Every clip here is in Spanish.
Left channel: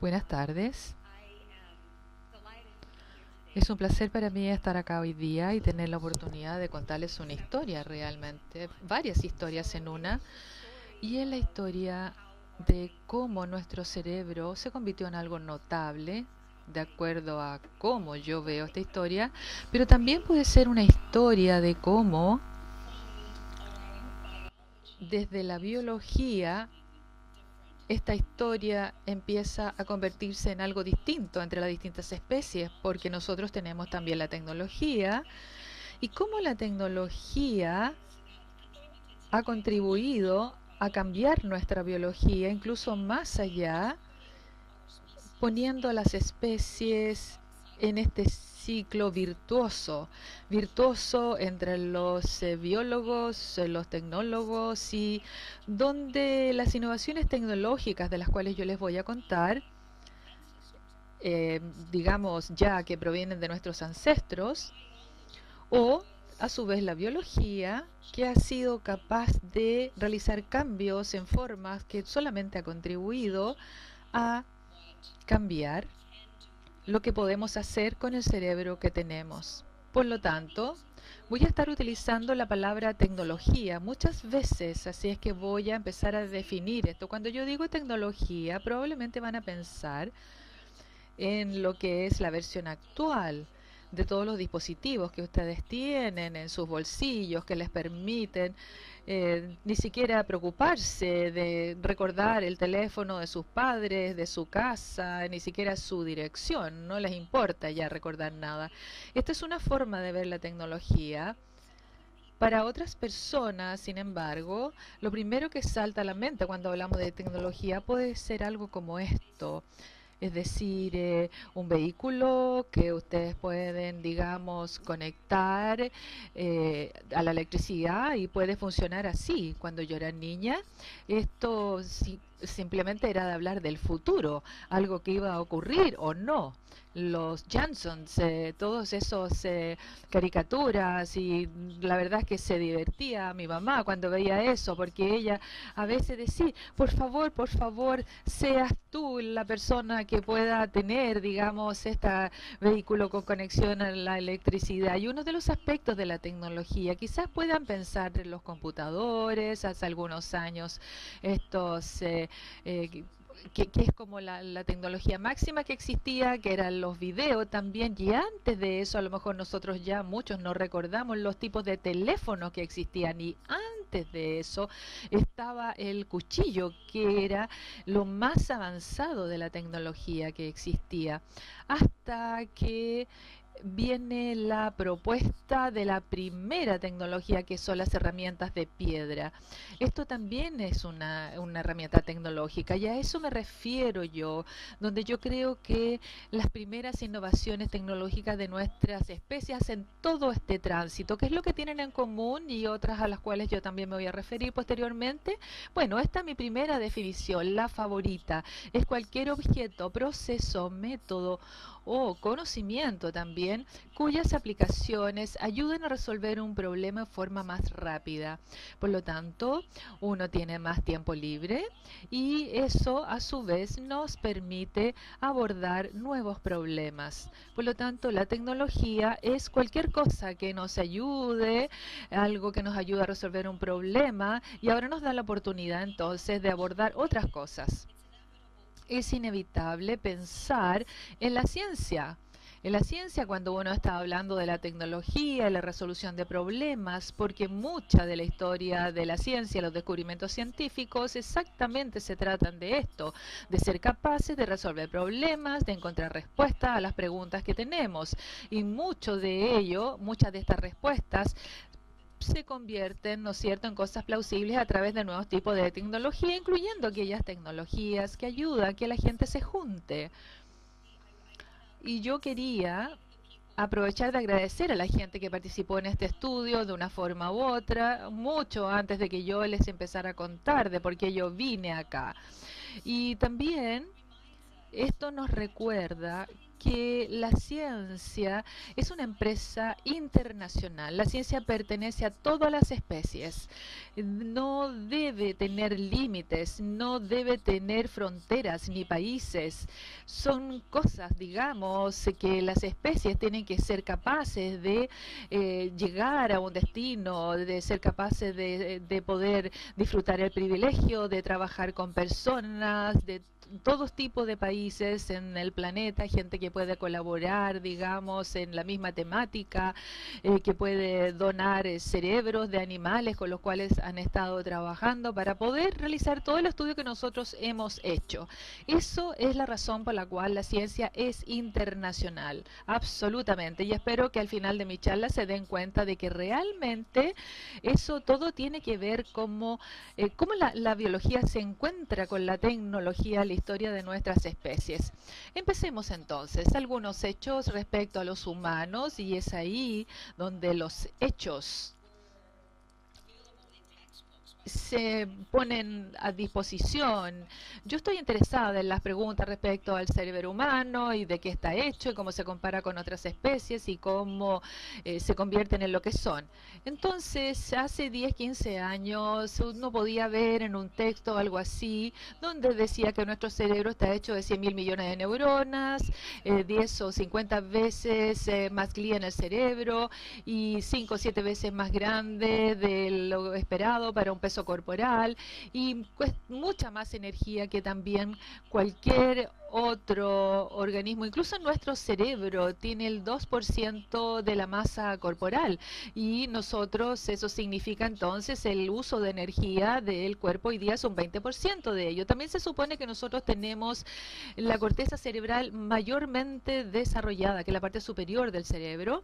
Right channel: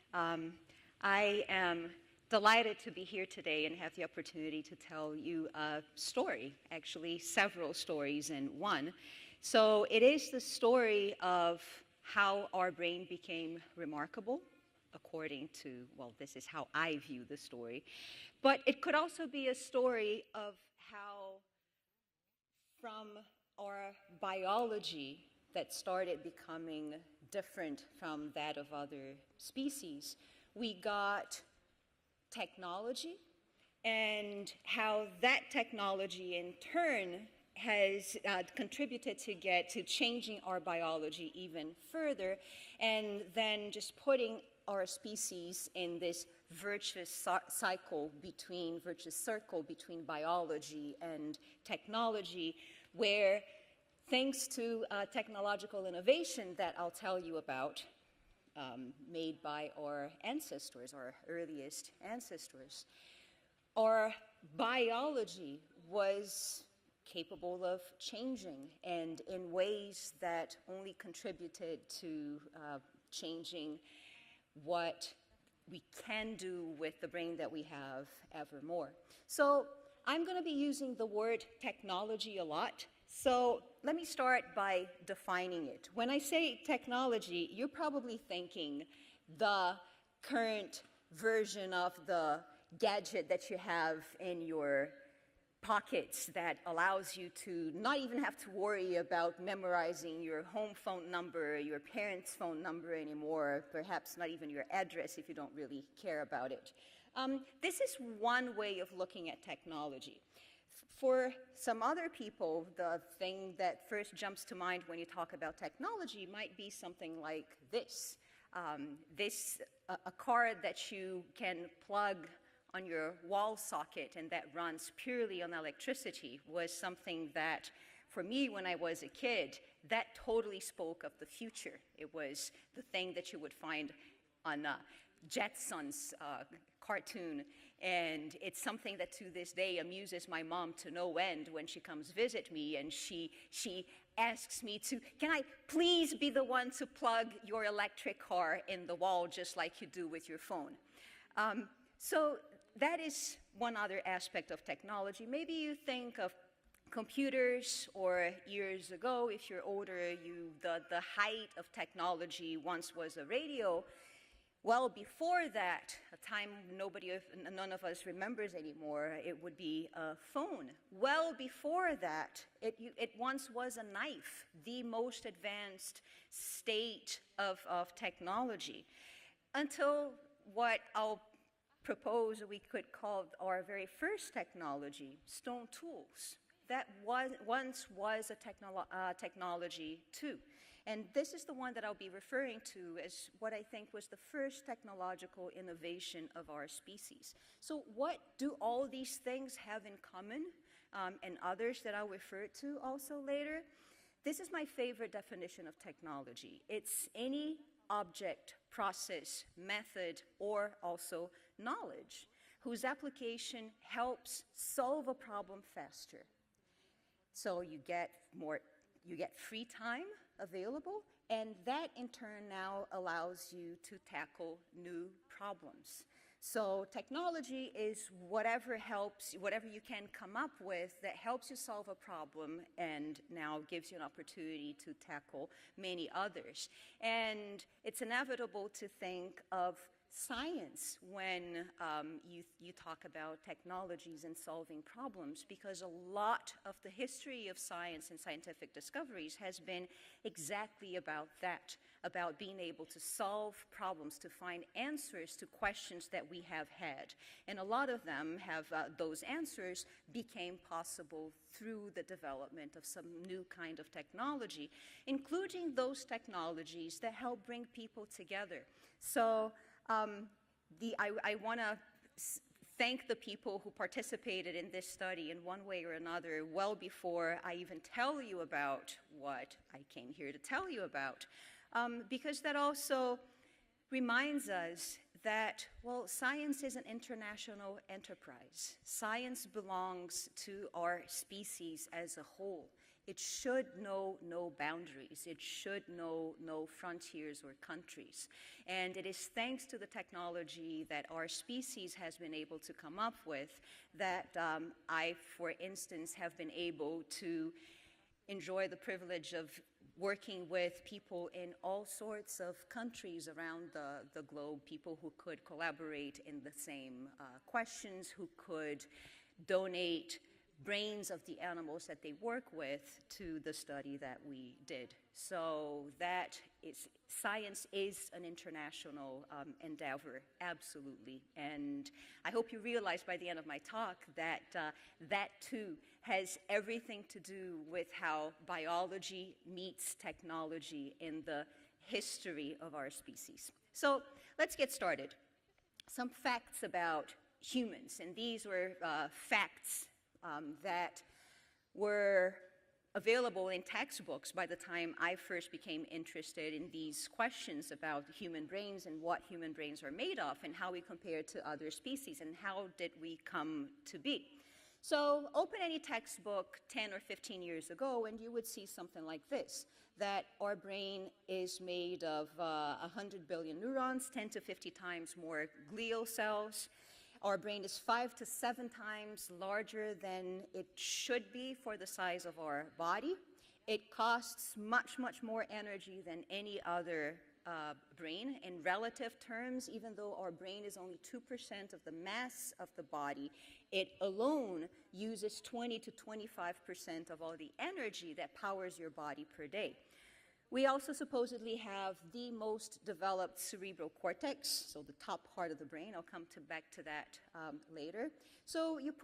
Buenas Um, tardes. I am delighted to be here today Es and un have the placer para mí opportunity estar to acá hoy tell you día y a tener la story, oportunidad de actually contarles una several historia stories in realmente, one. varias historias So en it una, is the story y es la of historia how our de brain cómo became nuestro remarkable, cerebro se convirtió en algo according to, well, notable, this is how de I view the acuerdo a story. cómo yo But veo esta it could also historia, be a pero también story puede of ser una how historia de cómo from our biology desde la that started biología becoming different esta from that of historia other empieza a species. convertirse en We algo got distinto entre las distintas especies, porque technology nosotros tenemos también la and how tecnología, that y technology cómo in la turn tecnología has contributed ha to changing contribuido our a biology cambiar even nuestra further biología, incluso and más then just allá, putting our species poniendo a in las this virtuous especies en cycle este between ciclo virtuous circle between biology virtuoso and entre los technology, where biólogos, los thanks to tecnólogos, y technological donde innovation las that I'll tell innovaciones you about, tecnológicas de las cuales yo les voy a made contar, by our ancestors, our earliest digamos ya ancestors, que provienen de nuestros our ancestros, biology o a was su vez la capable of biología que ha changing sido and capaz in de ways realizar that only cambios en contributed formas que to solamente ha contribuido changing a what we cambiar can do with lo the que brain that podemos we hacer have con el cerebro que evermore. tenemos. So Por lo I'm going to be tanto, using the word voy a estar utilizando technology a la lot. palabra So tecnología let me muchas start veces, by así es que defining voy a it. When empezar I a say definir esto. Cuando yo technology, digo you're probably tecnología, thinking probablemente van a the pensar current en version lo of que es la the versión gadget actual that you have de todos los in your dispositivos que ustedes pockets tienen en that sus allows you bolsillos, que les to not even have to permiten worry about ni siquiera memorizing your home phone preocuparse number, de your parents' recordar el phone number teléfono de sus anymore, padres, perhaps de not su even your address if casa, you ni don't siquiera really su care about it. dirección. No les importa This ya is recordar one nada. way of looking Esta at es una forma de technology. ver la For tecnología. some other people, Para otras the thing that personas, sin first jumps to embargo, mind when you lo talk primero about que salta a la technology mente might cuando be hablamos de something like tecnología puede this. ser algo como This esto, a es car that decir, you un can plug vehículo on que your ustedes wall pueden, socket and that digamos, runs purely on conectar electricity was a something la that electricidad for y me puede when I was funcionar a kid así. Cuando yo that era niña, totally spoke of the future. esto It was a simplemente thing era that de you would hablar del find futuro, on algo que iba a ocurrir o Jetsons no. cartoon, Los Jansons, and it's todos something that to esos this day amuses my mom to no caricaturas, y end when she la comes verdad to es que visit se me and she divertía a mi mamá she cuando veía asks eso, me to, porque can ella I a please veces be the decía, one to plug por your favor, electric car seas in the tú wall la just like you persona do que with your pueda phone. tener, digamos, este So that vehículo con is one conexión a other la aspect of electricidad. Y uno technology. de los Maybe you aspectos de la think of tecnología, quizás puedan computers, pensar or en los years ago, if you're computadores, hace older, algunos años, the height of estos, technology once was a que radio. es como la Well, tecnología before máxima que that existía, que time, eran los videos none of también, us y remembers antes de eso, a lo anymore. mejor It would nosotros be ya a muchos no phone. recordamos Well, los tipos de before that, teléfonos que it existían, y once was a antes de knife, eso the most estaba advanced el cuchillo, stage que era of lo más technology, avanzado de la until tecnología que what I'll existía, propose hasta we could que call our very first viene la technology, stone propuesta de la tools. primera That tecnología, que son once las was a herramientas de piedra. technology Esto too. también es And this is the una one that I'll herramienta be referring tecnológica, y to a eso as me what I think refiero was the yo, first donde yo technological creo que innovation las of our primeras species. innovaciones So what tecnológicas de do all nuestras these things especies have hacen in todo common? este tránsito. ¿Qué es And lo que tienen others en that I'll refer común y to otras a las also cuales yo later? también me voy a This referir is my favorite posteriormente? definition of Bueno, esta es mi technology. primera It's definición, any la favorita. object, Es cualquier process, objeto, method, proceso, or also método o knowledge whose conocimiento también, application cuyas helps solve a aplicaciones problem ayudan a faster. resolver un problema de forma So más you get rápida. more, Por lo you get tanto, free time uno tiene más available, tiempo and libre, that in y turn now eso a su allows you vez to nos tackle permite new abordar problems. nuevos So problemas. Por technology lo is tanto, la whatever tecnología helps, es whatever you cualquier can cosa come up que nos with that helps us ayude, solve a algo que problem nos ayude a and resolver un now gives you an problema, y opportunity ahora to nos da la tackle oportunidad many entonces de others. abordar otras And cosas. it's inevitable to Es think of inevitable pensar science en la when ciencia. you En la talk ciencia, about cuando uno está technologies and hablando de la solving problems, tecnología y la because a resolución de lot of the problemas, porque history of mucha science de and la scientific historia de la discoveries has ciencia, los been descubrimientos exactly científicos, about that, exactamente se about tratan being de able to esto, solve de ser problems, to capaces de find resolver answers to problemas, de questions encontrar that we have respuestas a las had. preguntas que And a lot of tenemos. them Y have mucho those de answers ello, muchas de became estas possible respuestas through the se development of some convierten, ¿no es new cierto?, en kind of cosas plausibles a technology, través de nuevos tipos de including those tecnología, incluyendo technologies that aquellas help bring people tecnologías que together. ayudan a que la gente se So, junte. Y yo quería aprovechar de agradecer a la gente que participó en este estudio de una forma u otra, mucho antes de que yo les empezara a contar de por qué yo vine acá. Y también esto nos recuerda que la ciencia es una empresa internacional. La ciencia pertenece a todas las especies. No debe tener límites, no debe tener fronteras ni países. Son cosas, digamos, que las especies tienen que ser capaces de llegar a un destino, de ser capaces de poder disfrutar el privilegio de trabajar con personas de todos tipos de países en el planeta, gente que puede colaborar, digamos, en la misma temática, que puede donar cerebros de animales con los cuales han estado trabajando para poder realizar todo el estudio que nosotros hemos hecho. Eso es la razón por la cual la ciencia es internacional, absolutamente. Y espero que al final de mi charla se den cuenta de que realmente eso todo tiene que ver cómo la biología se encuentra con la tecnología, la historia de nuestras especies. Empecemos entonces. Algunos hechos respecto a los humanos, y es ahí donde los hechos se ponen a disposición. Yo estoy interesada en las preguntas respecto al cerebro humano y de qué está hecho y cómo se compara con otras especies y cómo se convierten en lo que son. Entonces, hace 10, 15 años uno podía ver en un texto algo así, donde decía que nuestro cerebro está hecho de 100.000 millones de neuronas, 10 o 50 veces más glía en el cerebro y 5 o 7 veces más grande de lo esperado para un peso corporal y pues, mucha más energía que también cualquier otro organismo. Incluso nuestro cerebro tiene el 2% de la masa corporal y nosotros, eso significa entonces el uso de energía del cuerpo hoy día es un 20% de ello. También se supone que nosotros tenemos la corteza cerebral mayormente desarrollada, que es la parte superior del cerebro,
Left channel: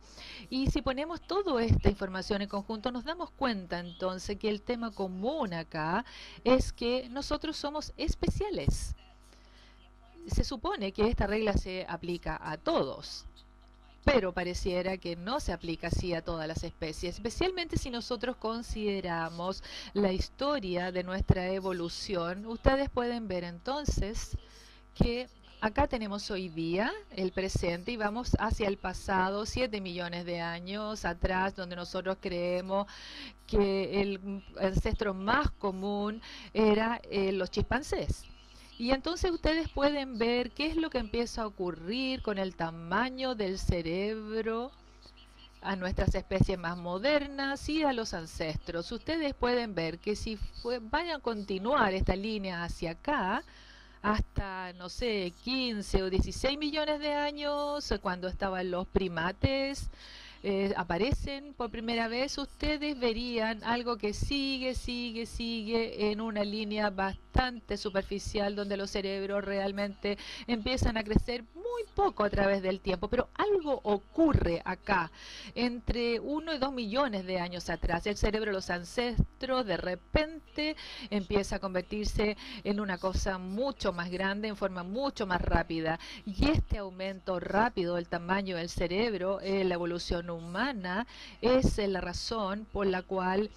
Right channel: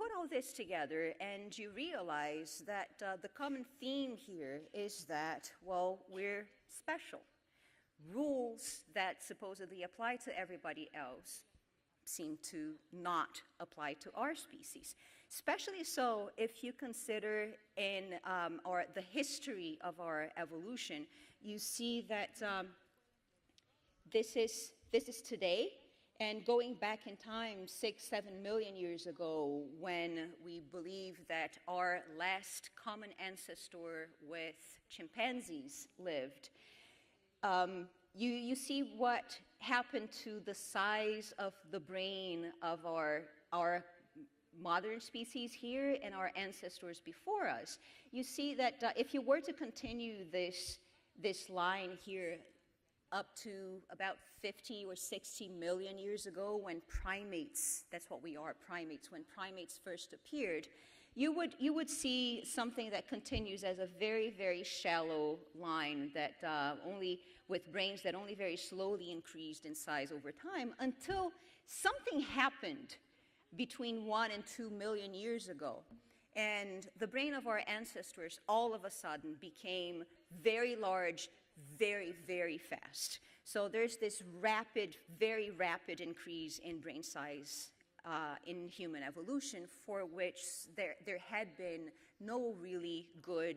y si ponemos toda esta información en conjunto nos damos cuenta entonces que el tema común acá es que nosotros somos especiales. Se supone que esta regla se aplica a todos, pero pareciera que no se aplica así a todas las especies, especialmente si nosotros consideramos la historia de nuestra evolución. Ustedes pueden ver entonces que acá tenemos hoy día el presente y vamos hacia el pasado, 7 millones de años atrás, donde nosotros creemos que el ancestro más común era los chimpancés. Y entonces ustedes pueden ver qué es lo que empieza a ocurrir con el tamaño del cerebro a nuestras especies más modernas y a los ancestros. Ustedes pueden ver que si vayan a continuar esta línea hacia acá, hasta, no sé, 15 o 16 millones de años, cuando estaban los primates, aparecen por primera vez, ustedes verían algo que sigue en una línea bastante superficial, donde los cerebros realmente empiezan a crecer muy poco a través del tiempo. Pero algo ocurre acá, entre 1 y 2 millones de años atrás. El cerebro de los ancestros de repente empieza a convertirse en una cosa mucho más grande, en forma mucho más rápida. Y este aumento rápido del tamaño del cerebro, la evolución humana, es la razón por la cual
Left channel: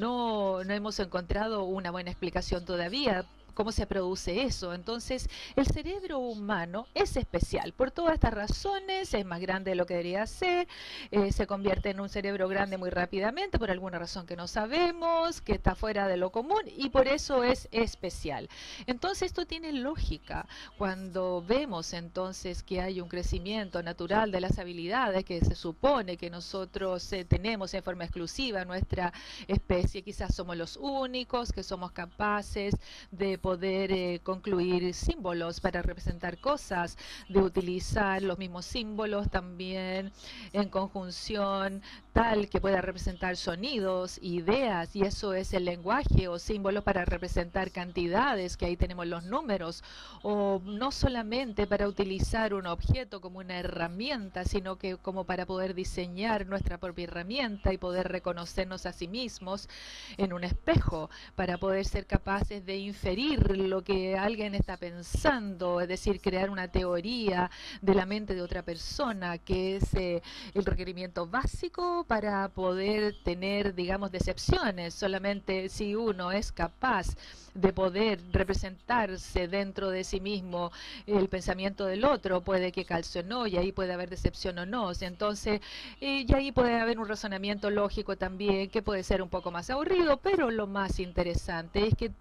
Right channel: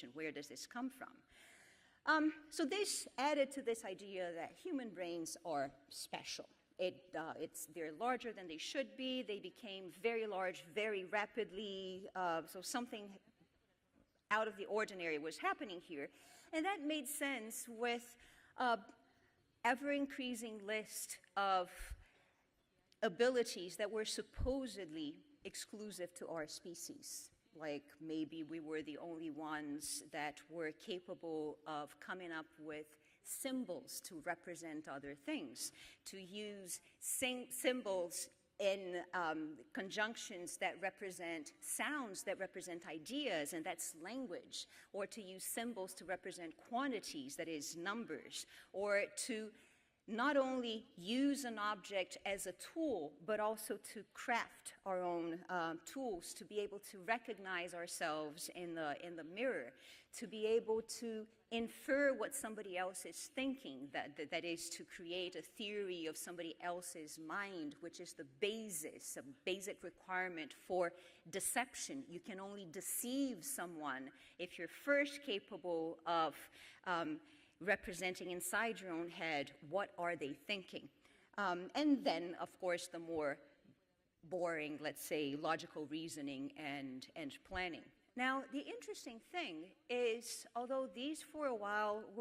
no hemos encontrado una buena explicación todavía cómo se produce eso. Entonces, el cerebro humano es especial. Por todas estas razones, es más grande de lo que debería ser, se convierte en un cerebro grande muy rápidamente, por alguna razón que no sabemos, que está fuera de lo común, y por eso es especial. Entonces, esto tiene lógica cuando vemos entonces que hay un crecimiento natural de las habilidades que se supone que nosotros tenemos en forma exclusiva en nuestra especie. Quizás somos los únicos que somos capaces de poder concluir símbolos para representar cosas, de utilizar los mismos símbolos también en conjunción, tal que pueda representar sonidos, ideas, y eso es el lenguaje o símbolos para representar cantidades, que ahí tenemos los los números, o no solamente para utilizar un objeto como una herramienta, sino que como para poder diseñar nuestra propia herramienta y poder reconocernos a sí mismos en un espejo, para poder ser capaces de inferir lo que alguien está pensando, es decir, crear una teoría de la mente de otra persona, que es el requerimiento básico para poder tener, digamos, decepciones. Solamente si uno es capaz de poder representarse dentro de sí mismo el pensamiento del otro, puede que calce o no, y ahí puede haber decepción o no. Entonces, y ahí puede haber un razonamiento lógico también, que puede ser un poco más aburrido, pero lo más interesante es que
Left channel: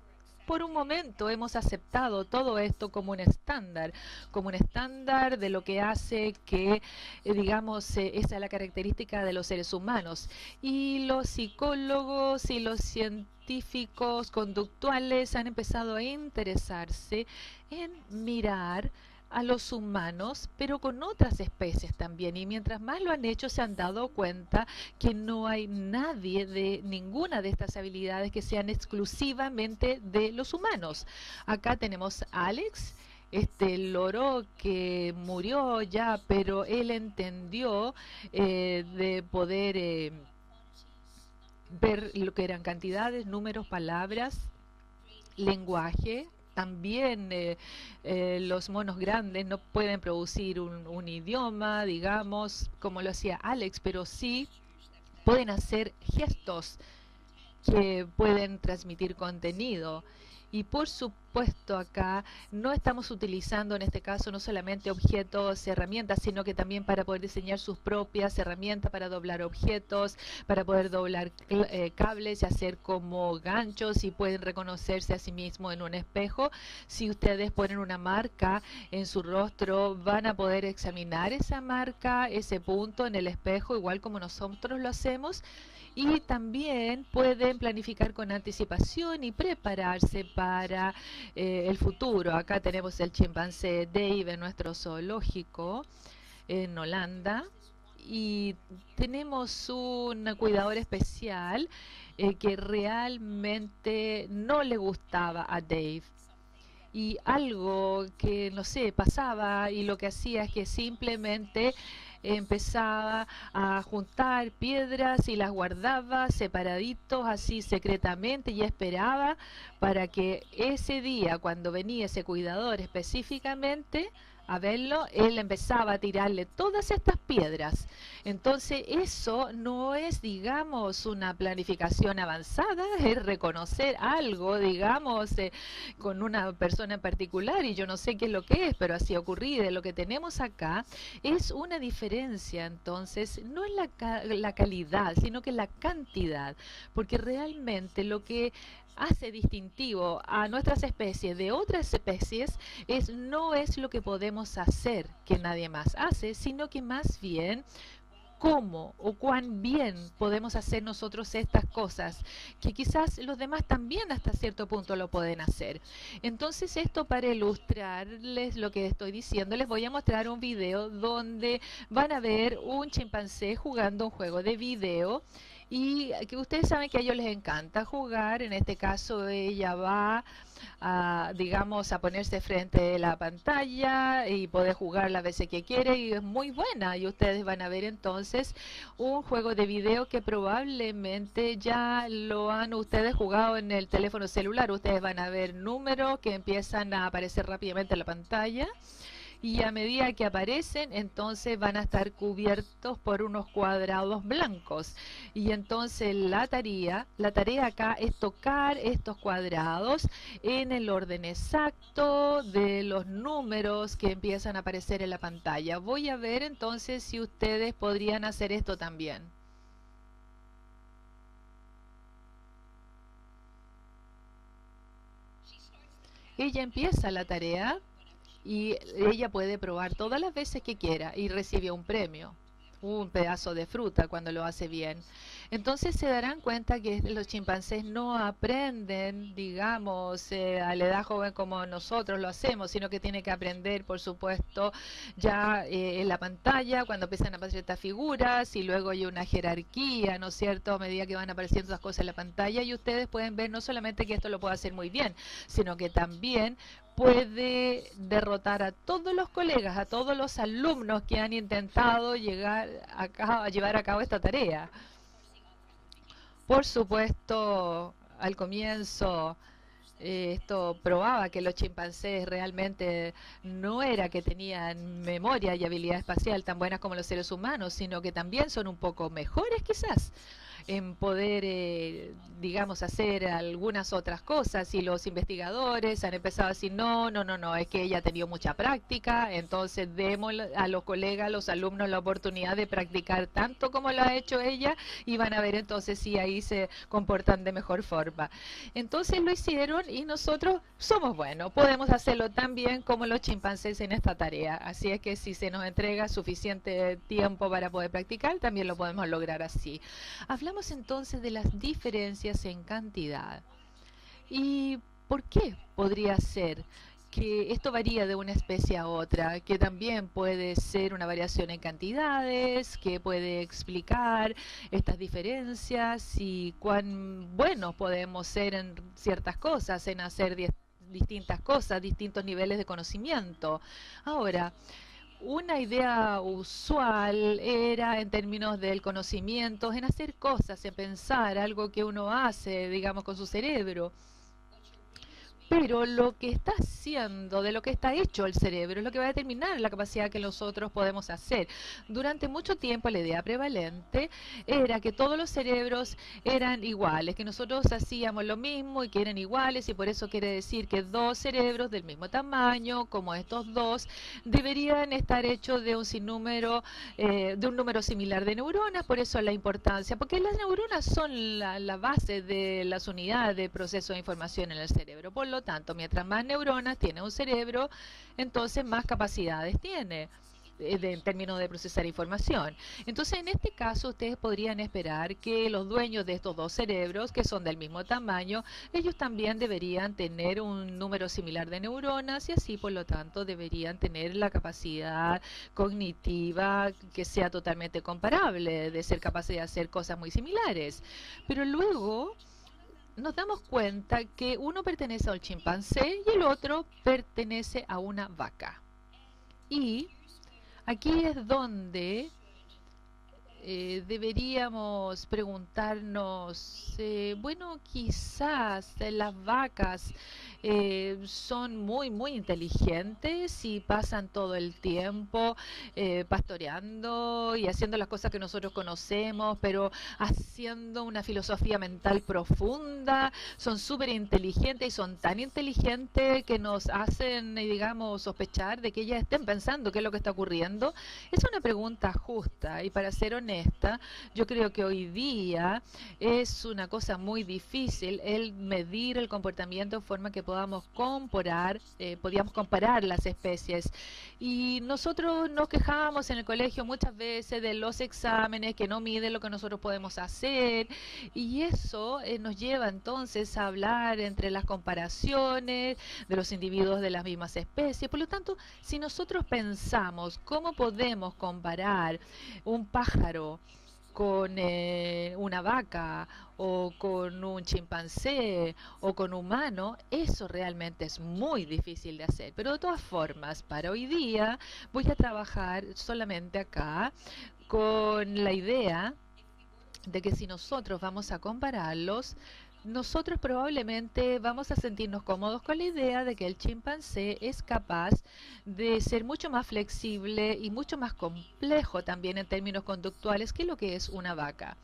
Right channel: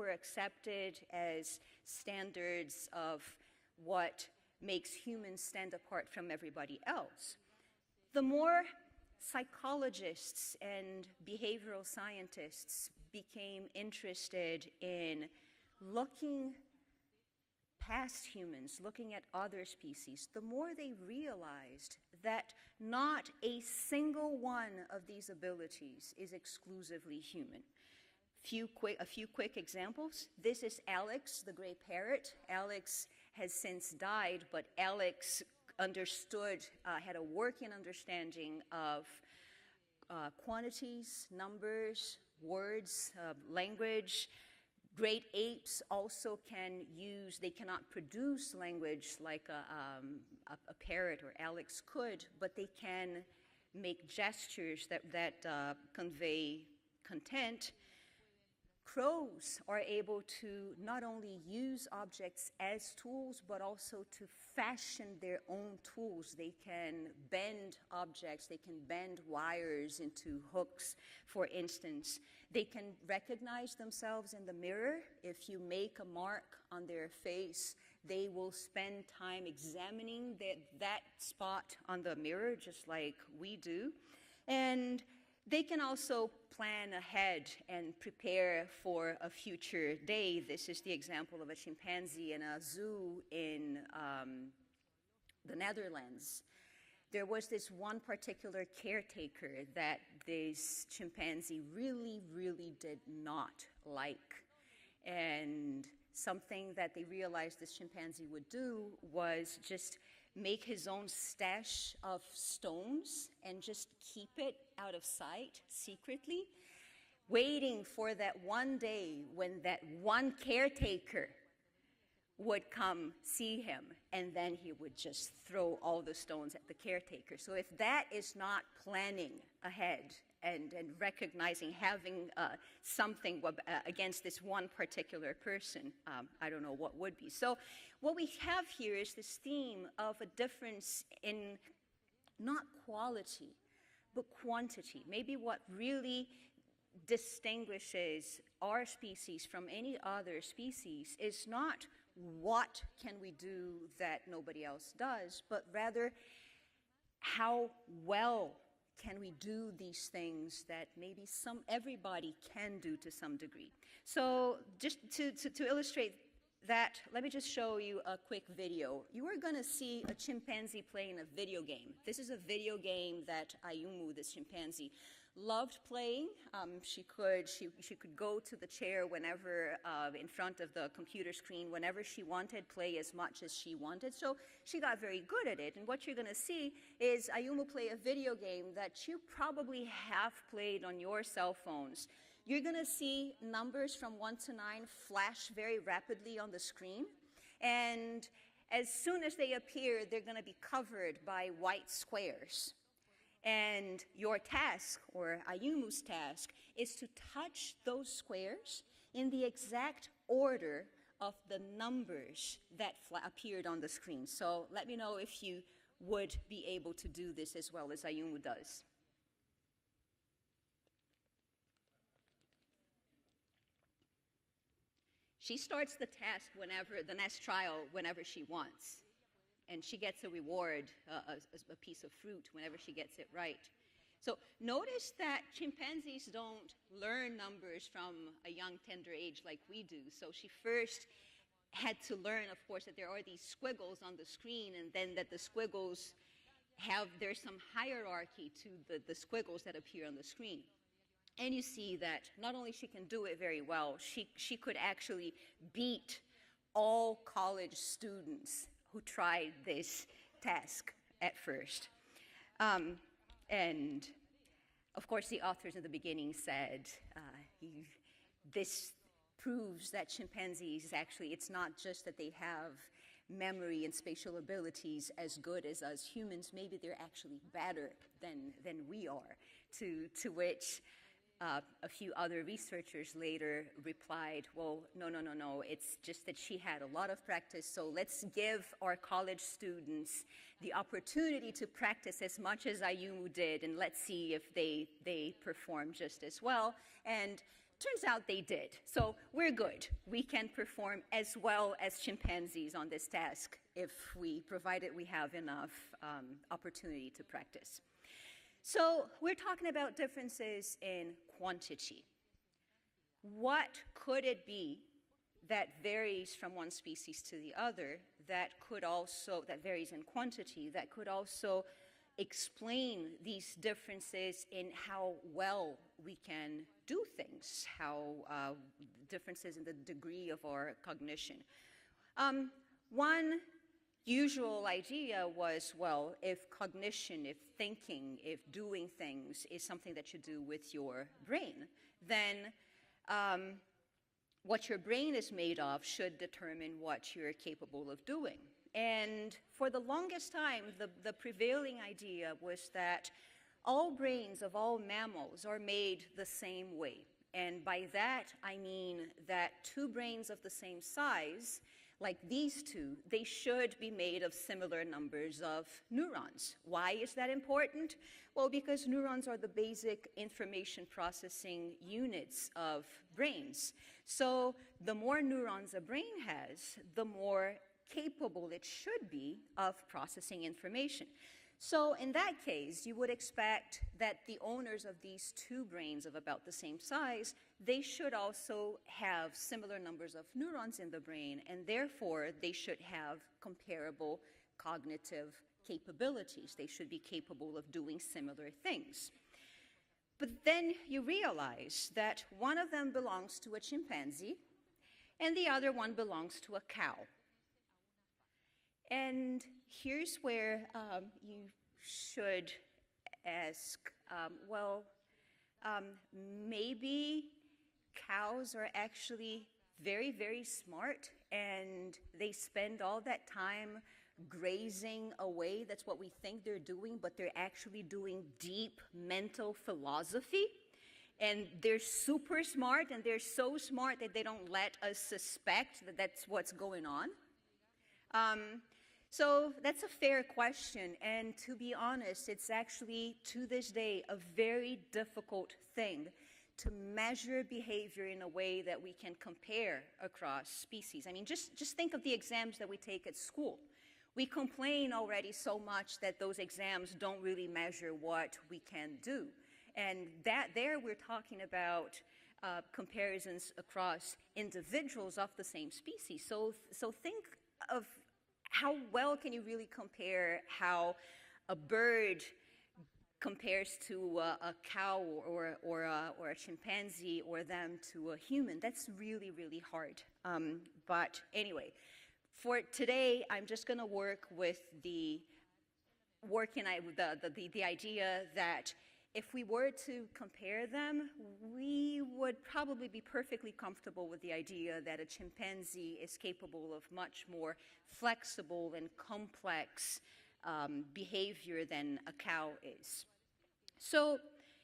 por un momento hemos aceptado todo esto como un estándar de lo que hace que, digamos, esa es la característica de los seres humanos. Y los psicólogos y los científicos conductuales han empezado a interesarse en mirar a los humanos, pero con otras especies también. Y mientras más lo han hecho, se han dado cuenta que no hay nadie de ninguna de estas habilidades que sean exclusivamente de los humanos. Acá tenemos a Alex, este loro que murió ya, pero él entendió de poder ver lo que eran cantidades, números, palabras, lenguaje. También los monos grandes no pueden producir un idioma, digamos, como lo hacía Alex, pero sí pueden hacer gestos que pueden transmitir contenido. Y por supuesto acá no estamos utilizando en este caso no solamente objetos, herramientas, sino que también para poder diseñar sus propias herramientas para doblar objetos, para poder doblar cables y hacer como ganchos, y pueden reconocerse a sí mismos en un espejo. Si ustedes ponen una marca en su rostro, van a poder examinar esa marca, ese punto en el espejo, igual como nosotros lo hacemos. Y también pueden planificar con anticipación y prepararse para el futuro. Acá tenemos el chimpancé Dave en nuestro zoológico en Holanda, y tenemos un cuidador especial que realmente no le gustaba a Dave, y algo que no sé pasaba, y lo que hacía es que simplemente empezaba a juntar piedras y las guardaba separaditos así secretamente, y esperaba para que ese día, cuando venía ese cuidador específicamente a verlo, él empezaba a tirarle todas estas piedras. Entonces eso no es, digamos, una planificación avanzada, es reconocer algo, digamos, con una persona en particular, y yo no sé qué es lo que es, pero así ha ocurrido. Lo que tenemos acá es una diferencia, entonces, no es la calidad, sino que la cantidad, porque realmente lo que hace distintivo a nuestras especies de otras especies no es lo que podemos hacer que nadie más hace, sino que más bien cómo o cuán bien podemos hacer nosotros estas cosas, que quizás los demás también hasta cierto punto lo pueden hacer. Entonces, esto para ilustrarles lo que estoy diciendo, les voy a mostrar un video donde van a ver un chimpancé jugando un juego de video, y que ustedes saben que a ellos les encanta jugar. En este caso, ella va a, digamos, a ponerse frente a la pantalla y poder jugar las veces que quiere, y es muy buena. Y ustedes van a ver entonces un juego de video que probablemente ya lo han ustedes jugado en el teléfono celular. Ustedes van a ver números que empiezan a aparecer rápidamente en la pantalla, y a medida que aparecen, entonces van a estar cubiertos por unos cuadrados blancos. Y entonces la tarea acá es tocar estos cuadrados en el orden exacto de los números que empiezan a aparecer en la pantalla. Voy a ver entonces si ustedes podrían hacer esto también. Ella empieza la tarea y ella puede probar todas las veces que quiera y recibe un premio. un pedazo de fruta cuando lo hace bien. Entonces se darán cuenta que los chimpancés no aprenden, digamos, a la edad joven como nosotros lo hacemos, sino que tienen que aprender, por supuesto, ya en la pantalla, cuando empiezan a aparecer estas figuras, y luego hay una jerarquía, ¿no es cierto?, a medida que van apareciendo las cosas en la pantalla, y ustedes pueden ver no solamente que esto lo puede hacer muy bien, sino que también puede derrotar a todos los colegas, a todos los alumnos que han intentado llevar a cabo esta tarea. Por supuesto, al comienzo esto probaba que los chimpancés realmente no era que tenían memoria y habilidad espacial tan buenas como los seres humanos, sino que también son un poco mejores quizás en poder, digamos, hacer algunas otras cosas. Y los investigadores han empezado a decir, no, es que ella ha tenido mucha práctica, entonces demos a los colegas, a los alumnos la oportunidad de practicar tanto como lo ha hecho ella, y van a ver entonces si ahí se comportan de mejor forma. Entonces lo hicieron y nosotros somos buenos, podemos hacerlo tan bien como los chimpancés en esta tarea. Así es que si se nos entrega suficiente tiempo para poder practicar, también lo podemos lograr así. Hablamos entonces de las diferencias en cantidad. ¿Y por qué podría ser que esto varía de una especie a otra? Que también puede ser una variación en cantidades, que puede explicar estas diferencias y cuán buenos podemos ser en ciertas cosas, en hacer distintas cosas, distintos niveles de conocimiento. Ahora, una idea usual era en términos del conocimiento, en hacer cosas, en pensar algo que uno hace, digamos, con su cerebro. Pero lo que está haciendo, de lo que está hecho el cerebro, es lo que va a determinar la capacidad que nosotros podemos hacer. Durante mucho tiempo la idea prevalente era que todos los cerebros eran iguales, que nosotros hacíamos lo mismo y que eran iguales, y por eso quiere decir que dos cerebros del mismo tamaño, como estos dos, deberían estar hechos de un sinnúmero, de un número similar de neuronas. Por eso la importancia, porque las neuronas son la base de las unidades de proceso de información en el cerebro. Por lo tanto, mientras más neuronas tiene un cerebro, entonces más capacidades tiene en términos de procesar información. Entonces, en este caso, ustedes podrían esperar que los dueños de estos dos cerebros, que son del mismo tamaño, ellos también deberían tener un número similar de neuronas, y así, por lo tanto, deberían tener la capacidad cognitiva que sea totalmente comparable, de ser capaces de hacer cosas muy similares. Pero luego nos damos cuenta que uno pertenece al chimpancé y el otro pertenece a una vaca. Y aquí es donde deberíamos preguntarnos, bueno, quizás las vacas son muy inteligentes y pasan todo el tiempo pastoreando y haciendo las cosas que nosotros conocemos, pero haciendo una filosofía mental profunda. Son súper inteligentes y son tan inteligentes que nos hacen, digamos, sospechar de que ellas estén pensando qué es lo que está ocurriendo. Es una pregunta justa, y para ser honesta, yo creo que hoy día es una cosa muy difícil el medir el comportamiento de forma que podamos comparar las especies. Y nosotros nos quejábamos en el colegio muchas veces de los exámenes que no miden lo que nosotros podemos hacer, y eso nos lleva entonces a hablar entre las comparaciones de los individuos de las mismas especies. Por lo tanto, si nosotros pensamos cómo podemos comparar un pájaro con una vaca, o con un chimpancé, o con un humano, eso realmente es muy difícil de hacer. Pero de todas formas, para hoy día voy a trabajar solamente acá con la idea de que si nosotros vamos a compararlos, nosotros probablemente vamos a sentirnos cómodos con la idea de que el chimpancé es capaz de ser mucho más flexible y mucho más complejo también en términos conductuales que lo que es una vaca.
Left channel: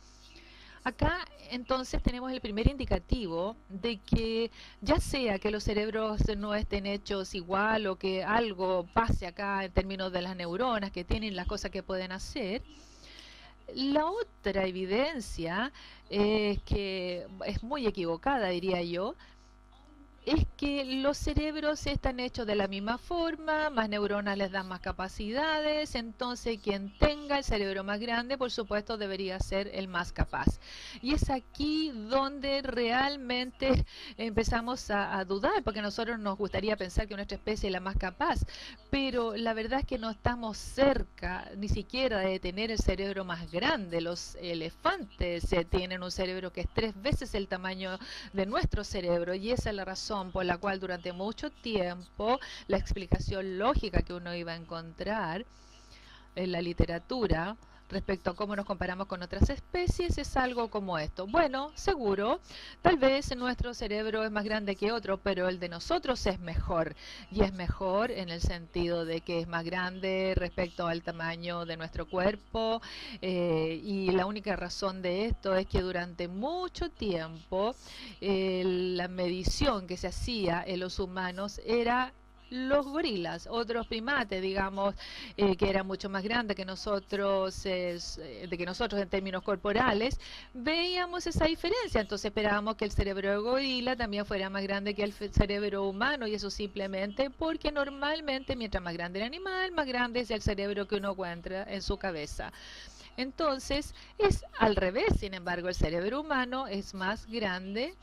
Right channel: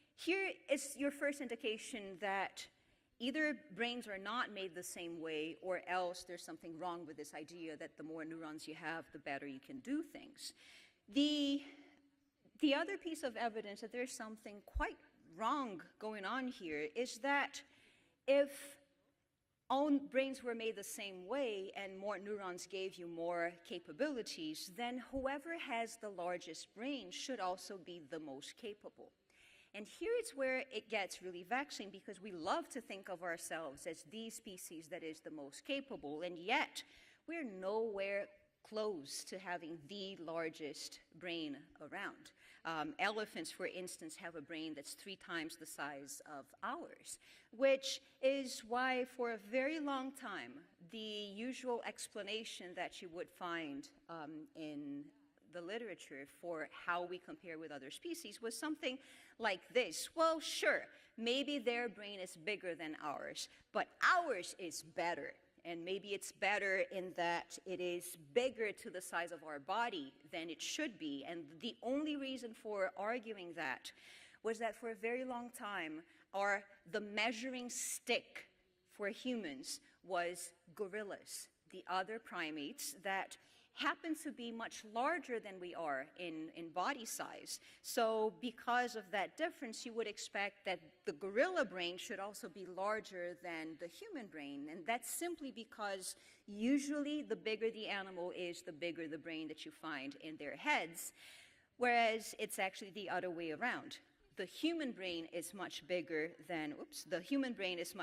Acá entonces tenemos el primer indicativo de que ya sea que los cerebros no estén hechos igual, o que algo pase acá en términos de las neuronas que tienen las cosas que pueden hacer, la otra evidencia es que es muy equivocada, diría yo, es que los cerebros están hechos de la misma forma, más neuronas les dan más capacidades, entonces quien tenga el cerebro más grande, por supuesto, debería ser el más capaz. Y es aquí donde realmente empezamos a dudar, porque a nosotros nos gustaría pensar que nuestra especie es la más capaz, pero la verdad es que no estamos cerca ni siquiera de tener el cerebro más grande. Los elefantes tienen un cerebro que es 3 veces el tamaño de nuestro cerebro, y esa es la razón por la cual durante mucho tiempo la explicación lógica que uno iba a encontrar en la literatura respecto a cómo nos comparamos con otras especies es algo como esto. Bueno, seguro, tal vez nuestro cerebro es más grande que otro, pero el de nosotros es mejor. Y es mejor en el sentido de que es más grande respecto al tamaño de nuestro cuerpo. Y la única razón de esto es que durante mucho tiempo la medición que se hacía en los humanos era los gorilas, otros primates, digamos, que eran mucho más grandes que nosotros, en términos corporales, veíamos esa diferencia. Entonces esperábamos que el cerebro de gorila también fuera más grande que el cerebro humano, y eso simplemente porque normalmente mientras más grande el animal, más grande es el cerebro que uno encuentra en su cabeza. Entonces es al revés, sin embargo, el cerebro humano es más grande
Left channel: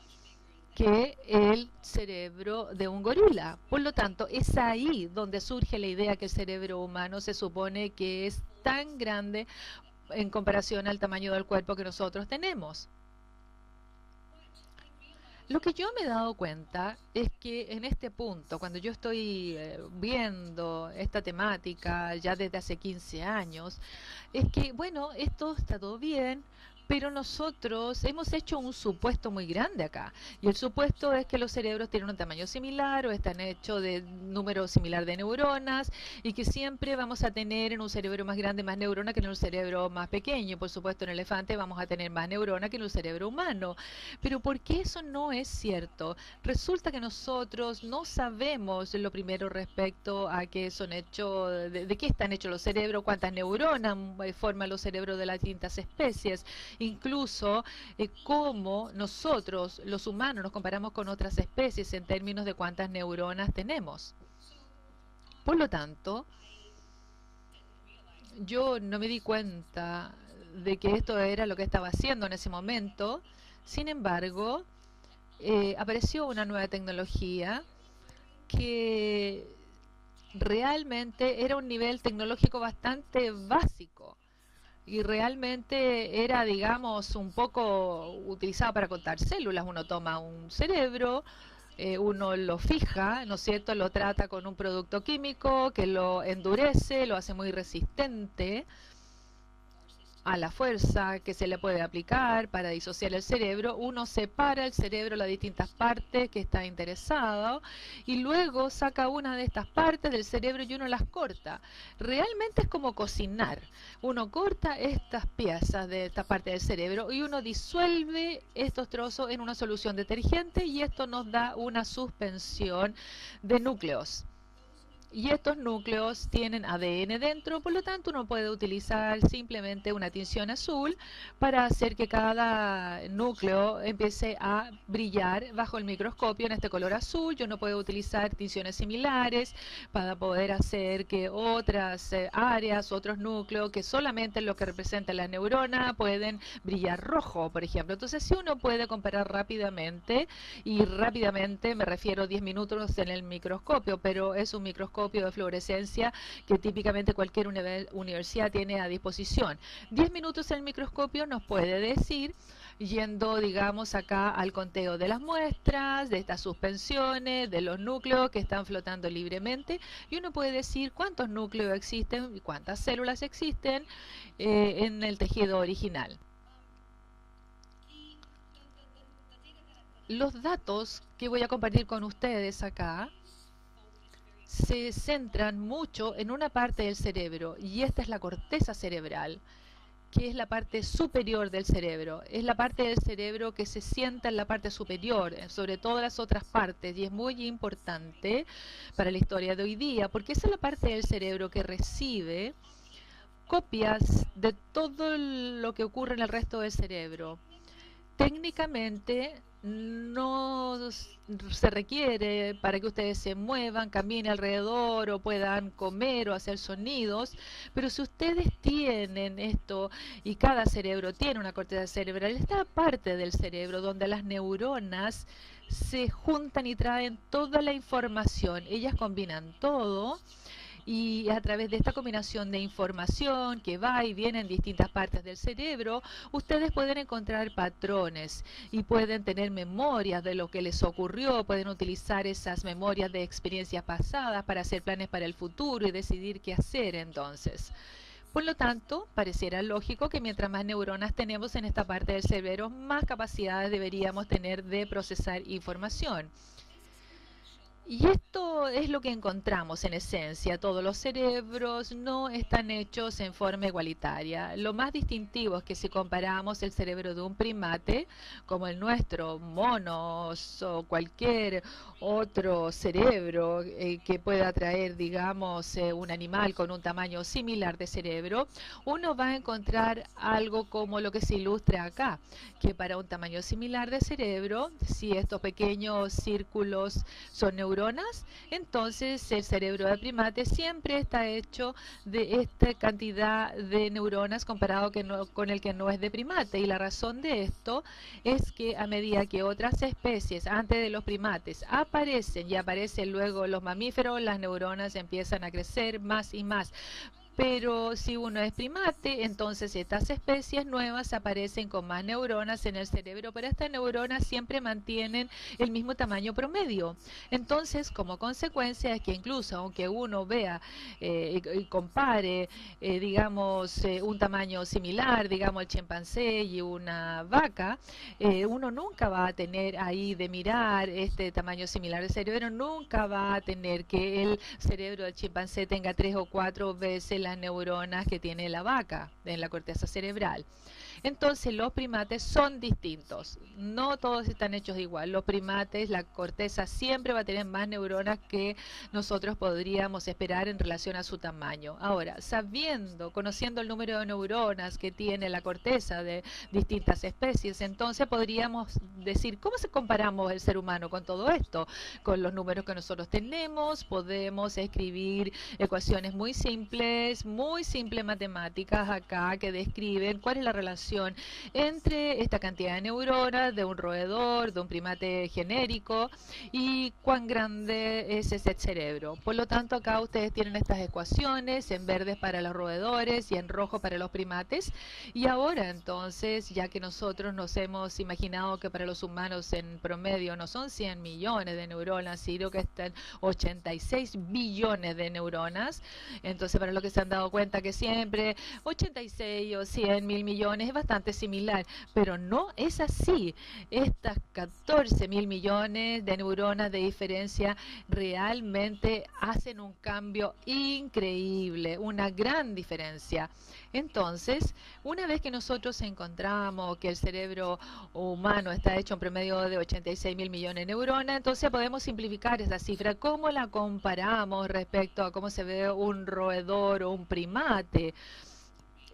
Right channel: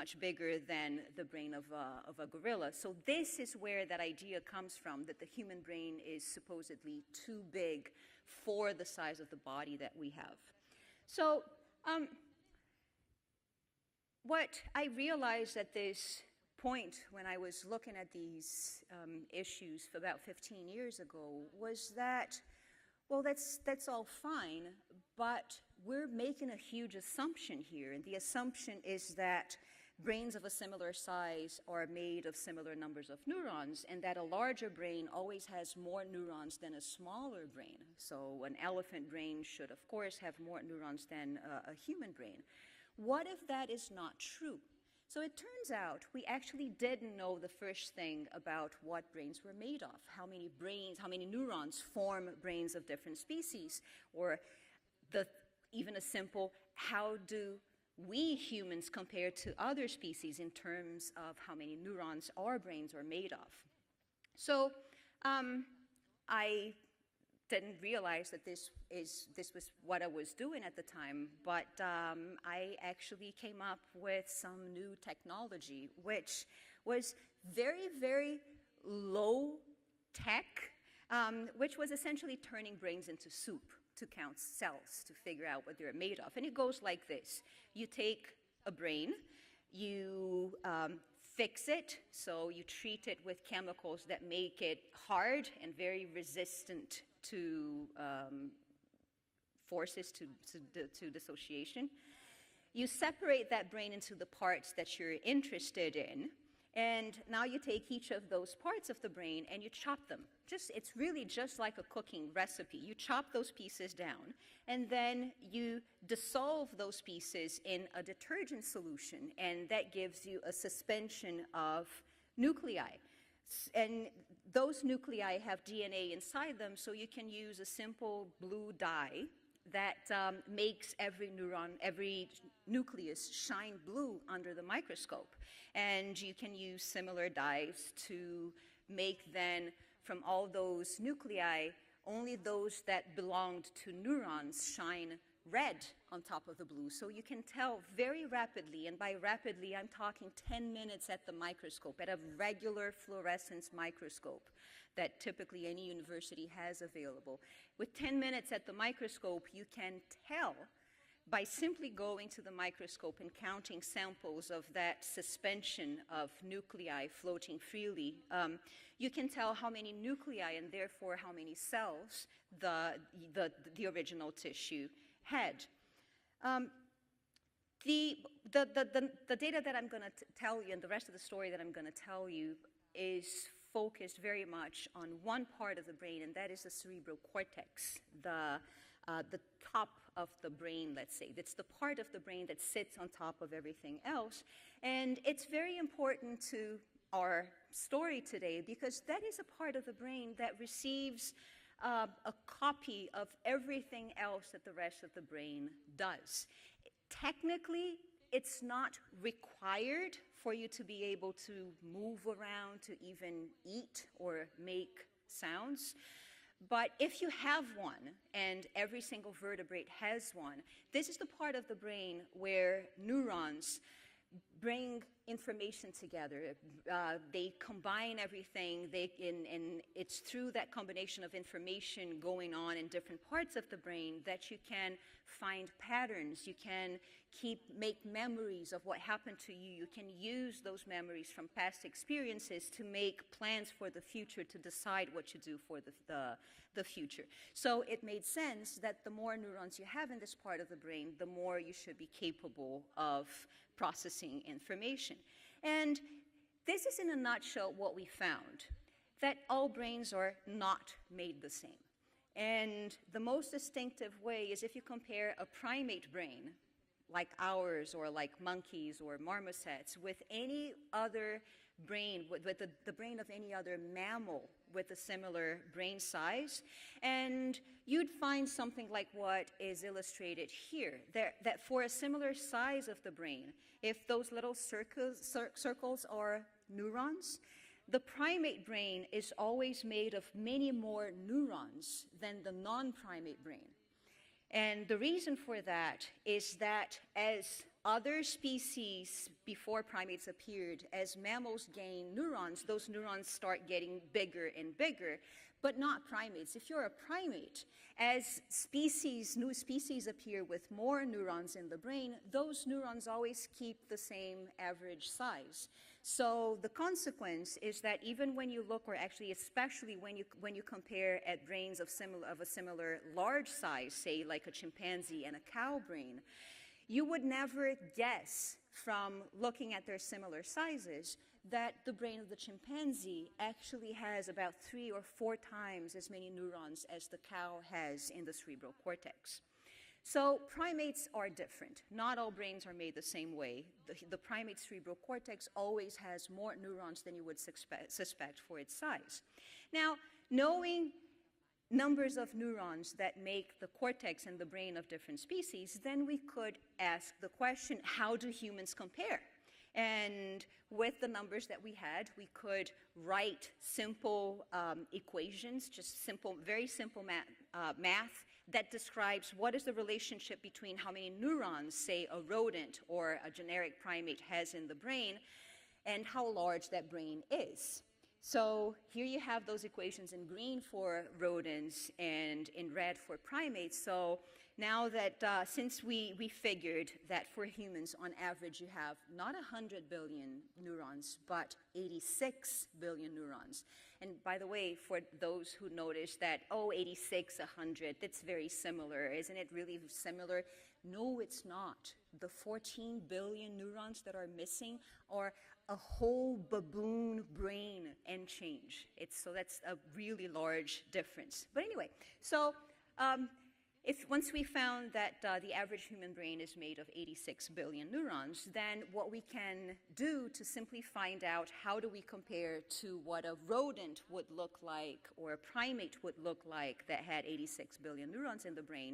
que el cerebro de un gorila. Por lo tanto, es ahí donde surge la idea que el cerebro humano se supone que es tan grande en comparación al tamaño del cuerpo que nosotros tenemos. Lo que yo me he dado cuenta es que en este punto, cuando yo estoy viendo esta temática ya desde hace 15 años, es que, bueno, esto está todo bien, pero nosotros hemos hecho un supuesto muy grande acá. Y el supuesto es que los cerebros tienen un tamaño similar o están hechos de número similar de neuronas, y que siempre vamos a tener en un cerebro más grande más neuronas que en un cerebro más pequeño. Por supuesto, en el elefante vamos a tener más neuronas que en un cerebro humano. Pero ¿por qué eso no es cierto? Resulta que nosotros no sabemos lo primero respecto a qué son hechos, de qué están hechos los cerebros, cuántas neuronas forman los cerebros de las distintas especies, incluso cómo nosotros, los humanos, nos comparamos con otras especies en términos de cuántas neuronas tenemos. Por lo tanto, yo no me di cuenta de que esto era lo que estaba haciendo en ese momento. Sin embargo, apareció una nueva tecnología que realmente era un nivel tecnológico bastante básico y realmente era, digamos, un poco utilizado para contar células. Uno toma un cerebro, uno lo fija, ¿no es cierto?, lo trata con un producto químico que lo endurece, lo hace muy resistente a la fuerza que se le puede aplicar para disociar el cerebro. Uno separa el cerebro, las distintas partes que está interesado, y luego saca una de estas partes del cerebro y uno las corta. Realmente es como cocinar. Uno corta estas piezas de esta parte del cerebro y uno disuelve estos trozos en una solución detergente, y esto nos da una suspensión de núcleos. Y estos núcleos tienen ADN dentro, por lo tanto uno puede utilizar simplemente una tinción azul para hacer que cada núcleo empiece a brillar bajo el microscopio en este color azul. Y uno puede utilizar tinciones similares para poder hacer que otras áreas, otros núcleos, que solamente lo que representa la neurona, pueden brillar rojo, por ejemplo. Entonces, si uno puede comparar rápidamente, y rápidamente me refiero a 10 minutos en el microscopio, pero es un microscopio de fluorescencia que típicamente cualquier universidad tiene a disposición. 10 minutos en el microscopio nos puede decir, yendo, digamos, acá al conteo de las muestras, de estas suspensiones, de los núcleos que están flotando libremente, y uno puede decir cuántos núcleos existen y cuántas células existen en el tejido original. Los datos que voy a compartir con ustedes acá se centran mucho en una parte del cerebro, y esta es la corteza cerebral. que es la parte superior del cerebro. Es la parte del cerebro que se sienta en la parte superior, sobre todas las otras partes, y es muy importante para la historia de hoy día, porque esa es la parte del cerebro que recibe copias de todo lo que ocurre en el resto del cerebro. Técnicamente no se requiere para que ustedes se muevan, caminen alrededor o puedan comer o hacer sonidos, pero si ustedes tienen esto y cada cerebro tiene una corteza cerebral, esta parte del cerebro donde las neuronas se juntan y traen toda la información, ellas combinan todo y a través de esta combinación de información que va y viene en distintas partes del cerebro, ustedes pueden encontrar patrones y pueden tener memorias de lo que les ocurrió, pueden utilizar esas memorias de experiencias pasadas para hacer planes para el futuro y decidir qué hacer entonces. Por lo tanto, pareciera lógico que mientras más neuronas tenemos en esta parte del cerebro, más capacidades deberíamos tener de procesar información. Y esto es lo que encontramos en esencia. Todos los cerebros no están hechos en forma igualitaria. Lo más distintivo es que si comparamos el cerebro de un primate, como el nuestro, monos o cualquier otro cerebro que pueda traer, digamos, un animal con un tamaño similar de cerebro, uno va a encontrar algo como lo que se ilustra acá, que para un tamaño similar de cerebro, si estos pequeños círculos son neuronas, entonces el cerebro de primate siempre está hecho de esta cantidad de neuronas comparado con el que no es de primate. Y la razón de esto es que a medida que otras especies antes de los primates aparecen y aparecen luego los mamíferos, las neuronas empiezan a crecer más y más. Pero si uno es primate, entonces estas especies nuevas aparecen con más neuronas en el cerebro, pero estas neuronas siempre mantienen el mismo tamaño promedio. Entonces, como consecuencia es que incluso aunque uno vea y compare, digamos, un tamaño similar, digamos, el chimpancé y una vaca, uno nunca va a tener ahí de mirar este tamaño similar de cerebro, nunca va a tener que el cerebro del chimpancé tenga 3 o 4 veces las neuronas que tiene la vaca en la corteza cerebral. Entonces, los primates son distintos. No todos están hechos igual. Los primates, la corteza siempre va a tener más neuronas que nosotros podríamos esperar en relación a su tamaño. Ahora, conociendo el número de neuronas que tiene la corteza de distintas especies, entonces podríamos decir, ¿cómo se comparamos el ser humano con todo esto? Con los números que nosotros tenemos, podemos escribir ecuaciones muy simples matemáticas acá que describen cuál es la relación entre esta cantidad de neuronas de un roedor, de un primate genérico y cuán grande es ese cerebro. Por lo tanto, acá ustedes tienen estas ecuaciones en verde para los roedores y en rojo para los primates. Y ahora entonces, ya que nosotros nos hemos imaginado que para los humanos en promedio no son 100 millones de neuronas, sino que están 86 billones de neuronas, entonces para lo que se han dado cuenta que siempre 86 o 100 mil millones es bastante similar, pero no es así. Estas 14 mil millones de neuronas de diferencia realmente hacen un cambio increíble, una gran diferencia. Entonces, una vez que nosotros encontramos que el cerebro humano está hecho en promedio de 86 mil millones de neuronas, entonces podemos simplificar esa cifra. ¿Cómo la comparamos respecto a cómo se ve un roedor o un primate?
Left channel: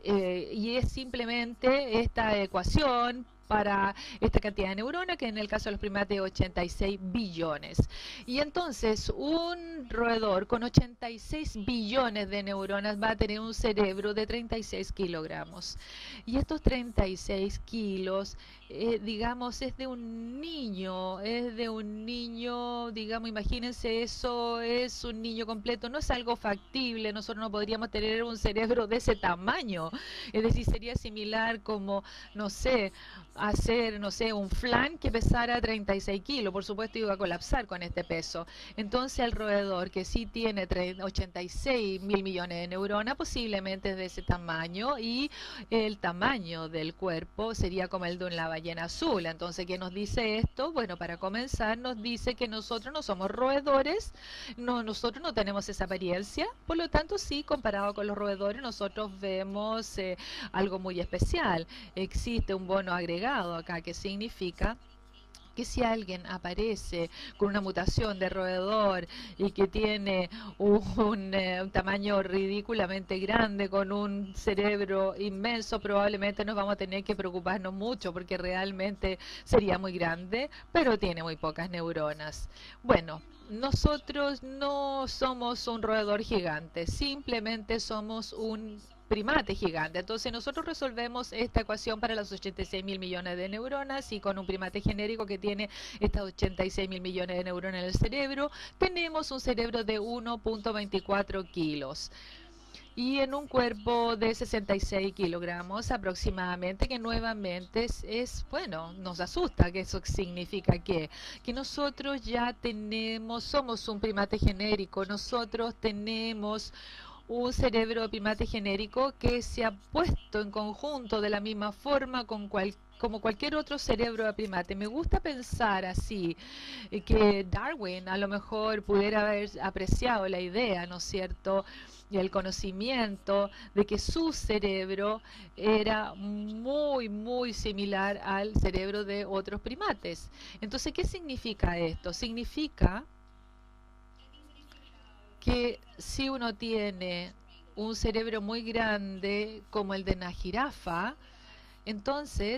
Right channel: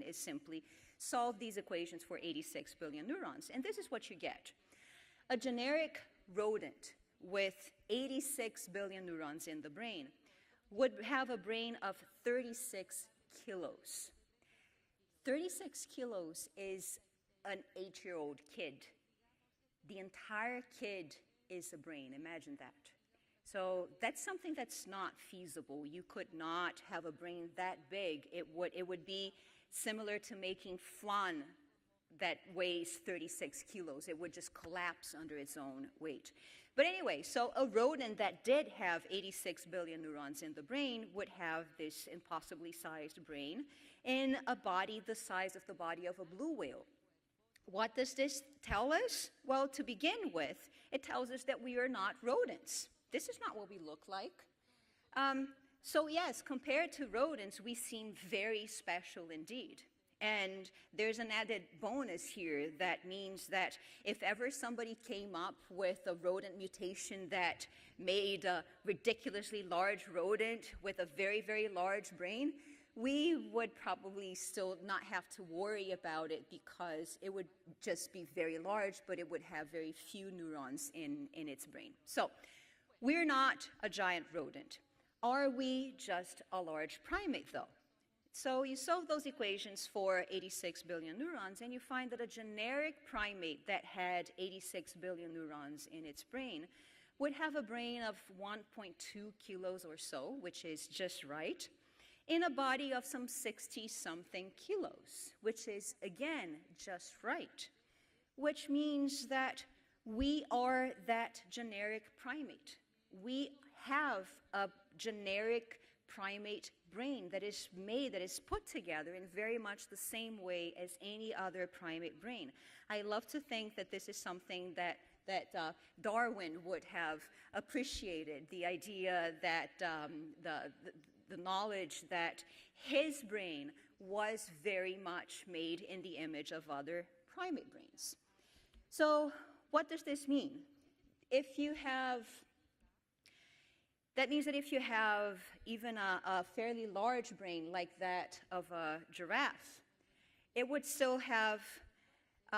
Y es simplemente esta ecuación para esta cantidad de neuronas, que en el caso de los primates 86 billones. Y entonces un roedor con 86 billones de neuronas va a tener un cerebro de 36 kilogramos. Y estos 36 kilos, digamos, es de un niño, digamos, imagínense, eso es un niño completo, no es algo factible, nosotros no podríamos tener un cerebro de ese tamaño. Es decir, sería similar como, no sé, hacer, no sé, un flan que pesara 36 kilos. Por supuesto, iba a colapsar con este peso. Entonces, el roedor que sí tiene 86 mil millones de neuronas, posiblemente es de ese tamaño, y el tamaño del cuerpo sería como el de una ballena azul. Entonces, ¿qué nos dice esto? Bueno, para comenzar, nos dice que nosotros no somos roedores, nosotros no tenemos esa apariencia. Por lo tanto, sí, comparado con los roedores, nosotros vemos tenemos algo muy especial. Existe un bono agregado acá que significa que si alguien aparece con una mutación de roedor y que tiene un tamaño ridículamente grande, con un cerebro inmenso, probablemente nos vamos a tener que preocuparnos mucho porque realmente sería muy grande, pero tiene muy pocas neuronas. Bueno, nosotros no somos un roedor gigante, simplemente somos un primate gigante. Entonces nosotros resolvemos esta ecuación para las 86.000 millones de neuronas y con un primate genérico que tiene estas 86.000 millones de neuronas en el cerebro, tenemos un cerebro de 1.24 kilos y en un cuerpo de 66 kilogramos aproximadamente, que nuevamente bueno, nos asusta que eso significa que nosotros ya somos un primate genérico, nosotros tenemos un cerebro de primate genérico que se ha puesto en conjunto de la misma forma como cualquier otro cerebro de primate. Me gusta pensar así, que Darwin a lo mejor pudiera haber apreciado la idea, ¿no es cierto?, del conocimiento de que su cerebro era muy, muy similar al cerebro de otros primates. Entonces, ¿qué significa esto? Significa que si uno tiene un cerebro muy grande como el de una jirafa, entonces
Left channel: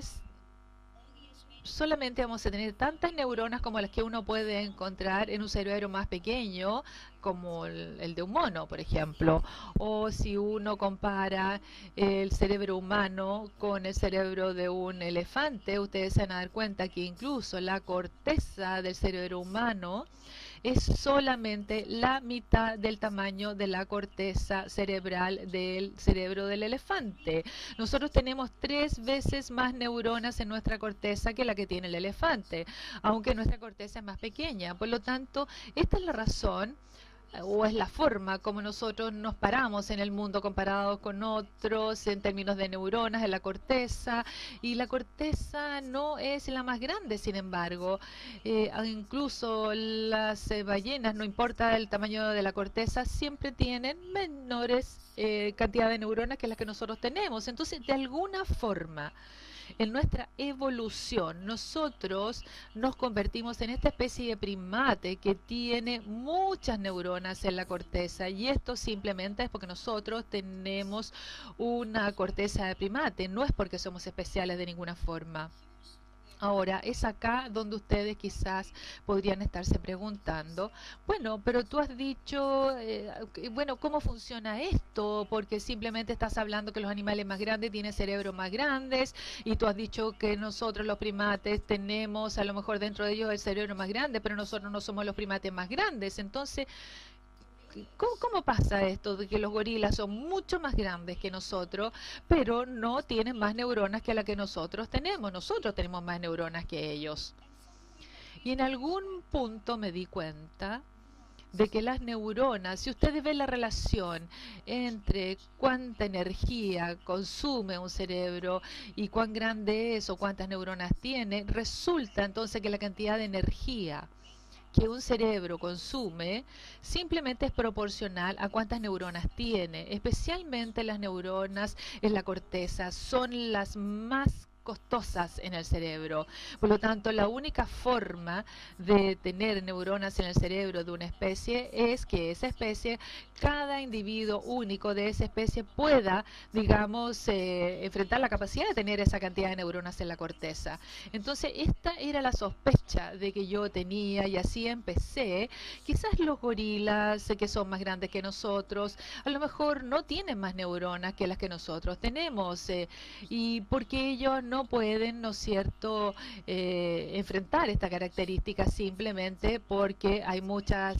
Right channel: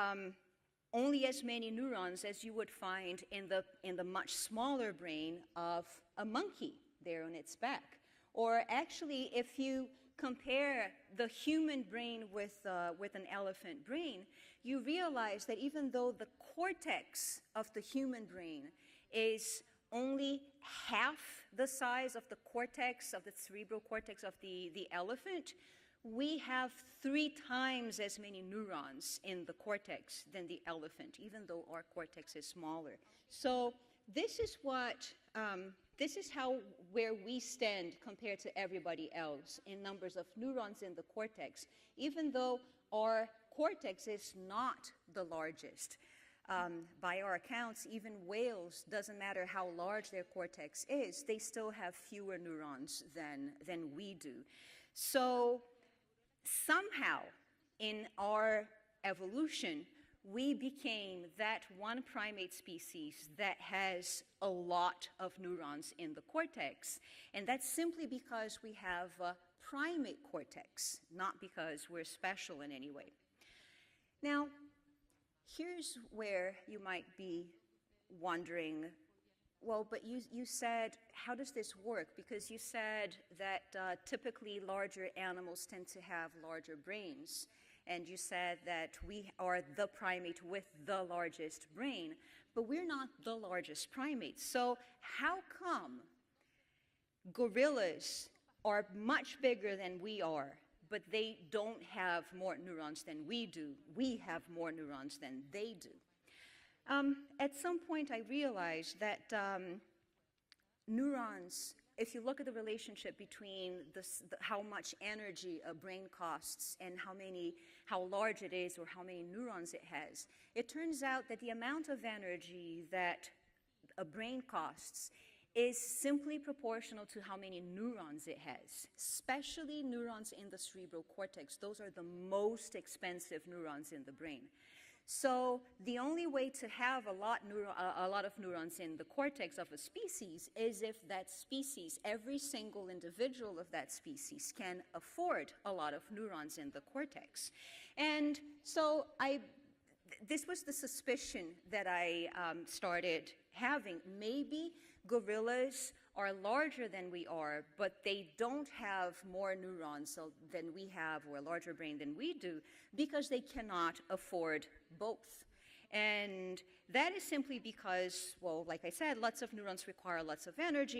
solamente vamos a tener tantas neuronas como las que uno puede encontrar en un cerebro más pequeño, como el de un mono, por ejemplo. O si uno compara el cerebro humano con el cerebro de un elefante, ustedes se van a dar cuenta que incluso la corteza del cerebro humano es solamente la mitad del tamaño de la corteza cerebral del cerebro del elefante. Nosotros tenemos 3 veces más neuronas en nuestra corteza que la que tiene el elefante, aunque nuestra corteza es más pequeña. Por lo tanto, esta es la razón o es la forma como nosotros nos paramos en el mundo comparados con otros en términos de neuronas en la corteza, y la corteza no es la más grande, sin embargo. Incluso las ballenas, no importa el tamaño de la corteza, siempre tienen menores cantidad de neuronas que las que nosotros tenemos. Entonces, de alguna forma, en nuestra evolución, nosotros nos convertimos en esta especie de primate que tiene muchas neuronas en la corteza, y esto simplemente es porque nosotros tenemos una corteza de primate, no es porque somos especiales de ninguna forma. Ahora, es acá donde ustedes quizás podrían estarse preguntando, bueno, pero tú has dicho, bueno, ¿cómo funciona esto? Porque simplemente estás hablando que los animales más grandes tienen cerebros más grandes, y tú has dicho que nosotros los primates tenemos a lo mejor dentro de ellos el cerebro más grande, pero nosotros no somos los primates más grandes. Entonces, ¿cómo pasa esto de que los gorilas son mucho más grandes que nosotros, pero no tienen más neuronas que las que nosotros tenemos? Nosotros tenemos más neuronas que ellos. Y en algún punto me di cuenta de que las neuronas, si ustedes ven la relación entre cuánta energía consume un cerebro y cuán grande es o cuántas neuronas tiene, resulta entonces que la cantidad de energía que un cerebro consume simplemente es proporcional a cuántas neuronas tiene. Especialmente las neuronas en la corteza son las más costosas en el cerebro. Por lo tanto, la única forma de tener neuronas en el cerebro de una especie es que esa especie, cada individuo único de esa especie pueda, digamos, enfrentar la capacidad de tener esa cantidad de neuronas en la corteza. Entonces, esta era la sospecha de que yo tenía, y así empecé. Quizás los gorilas, que son más grandes que nosotros, a lo mejor no tienen más neuronas que las que nosotros tenemos, y porque ellos no pueden, ¿no es cierto?, enfrentar esta característica simplemente porque hay muchas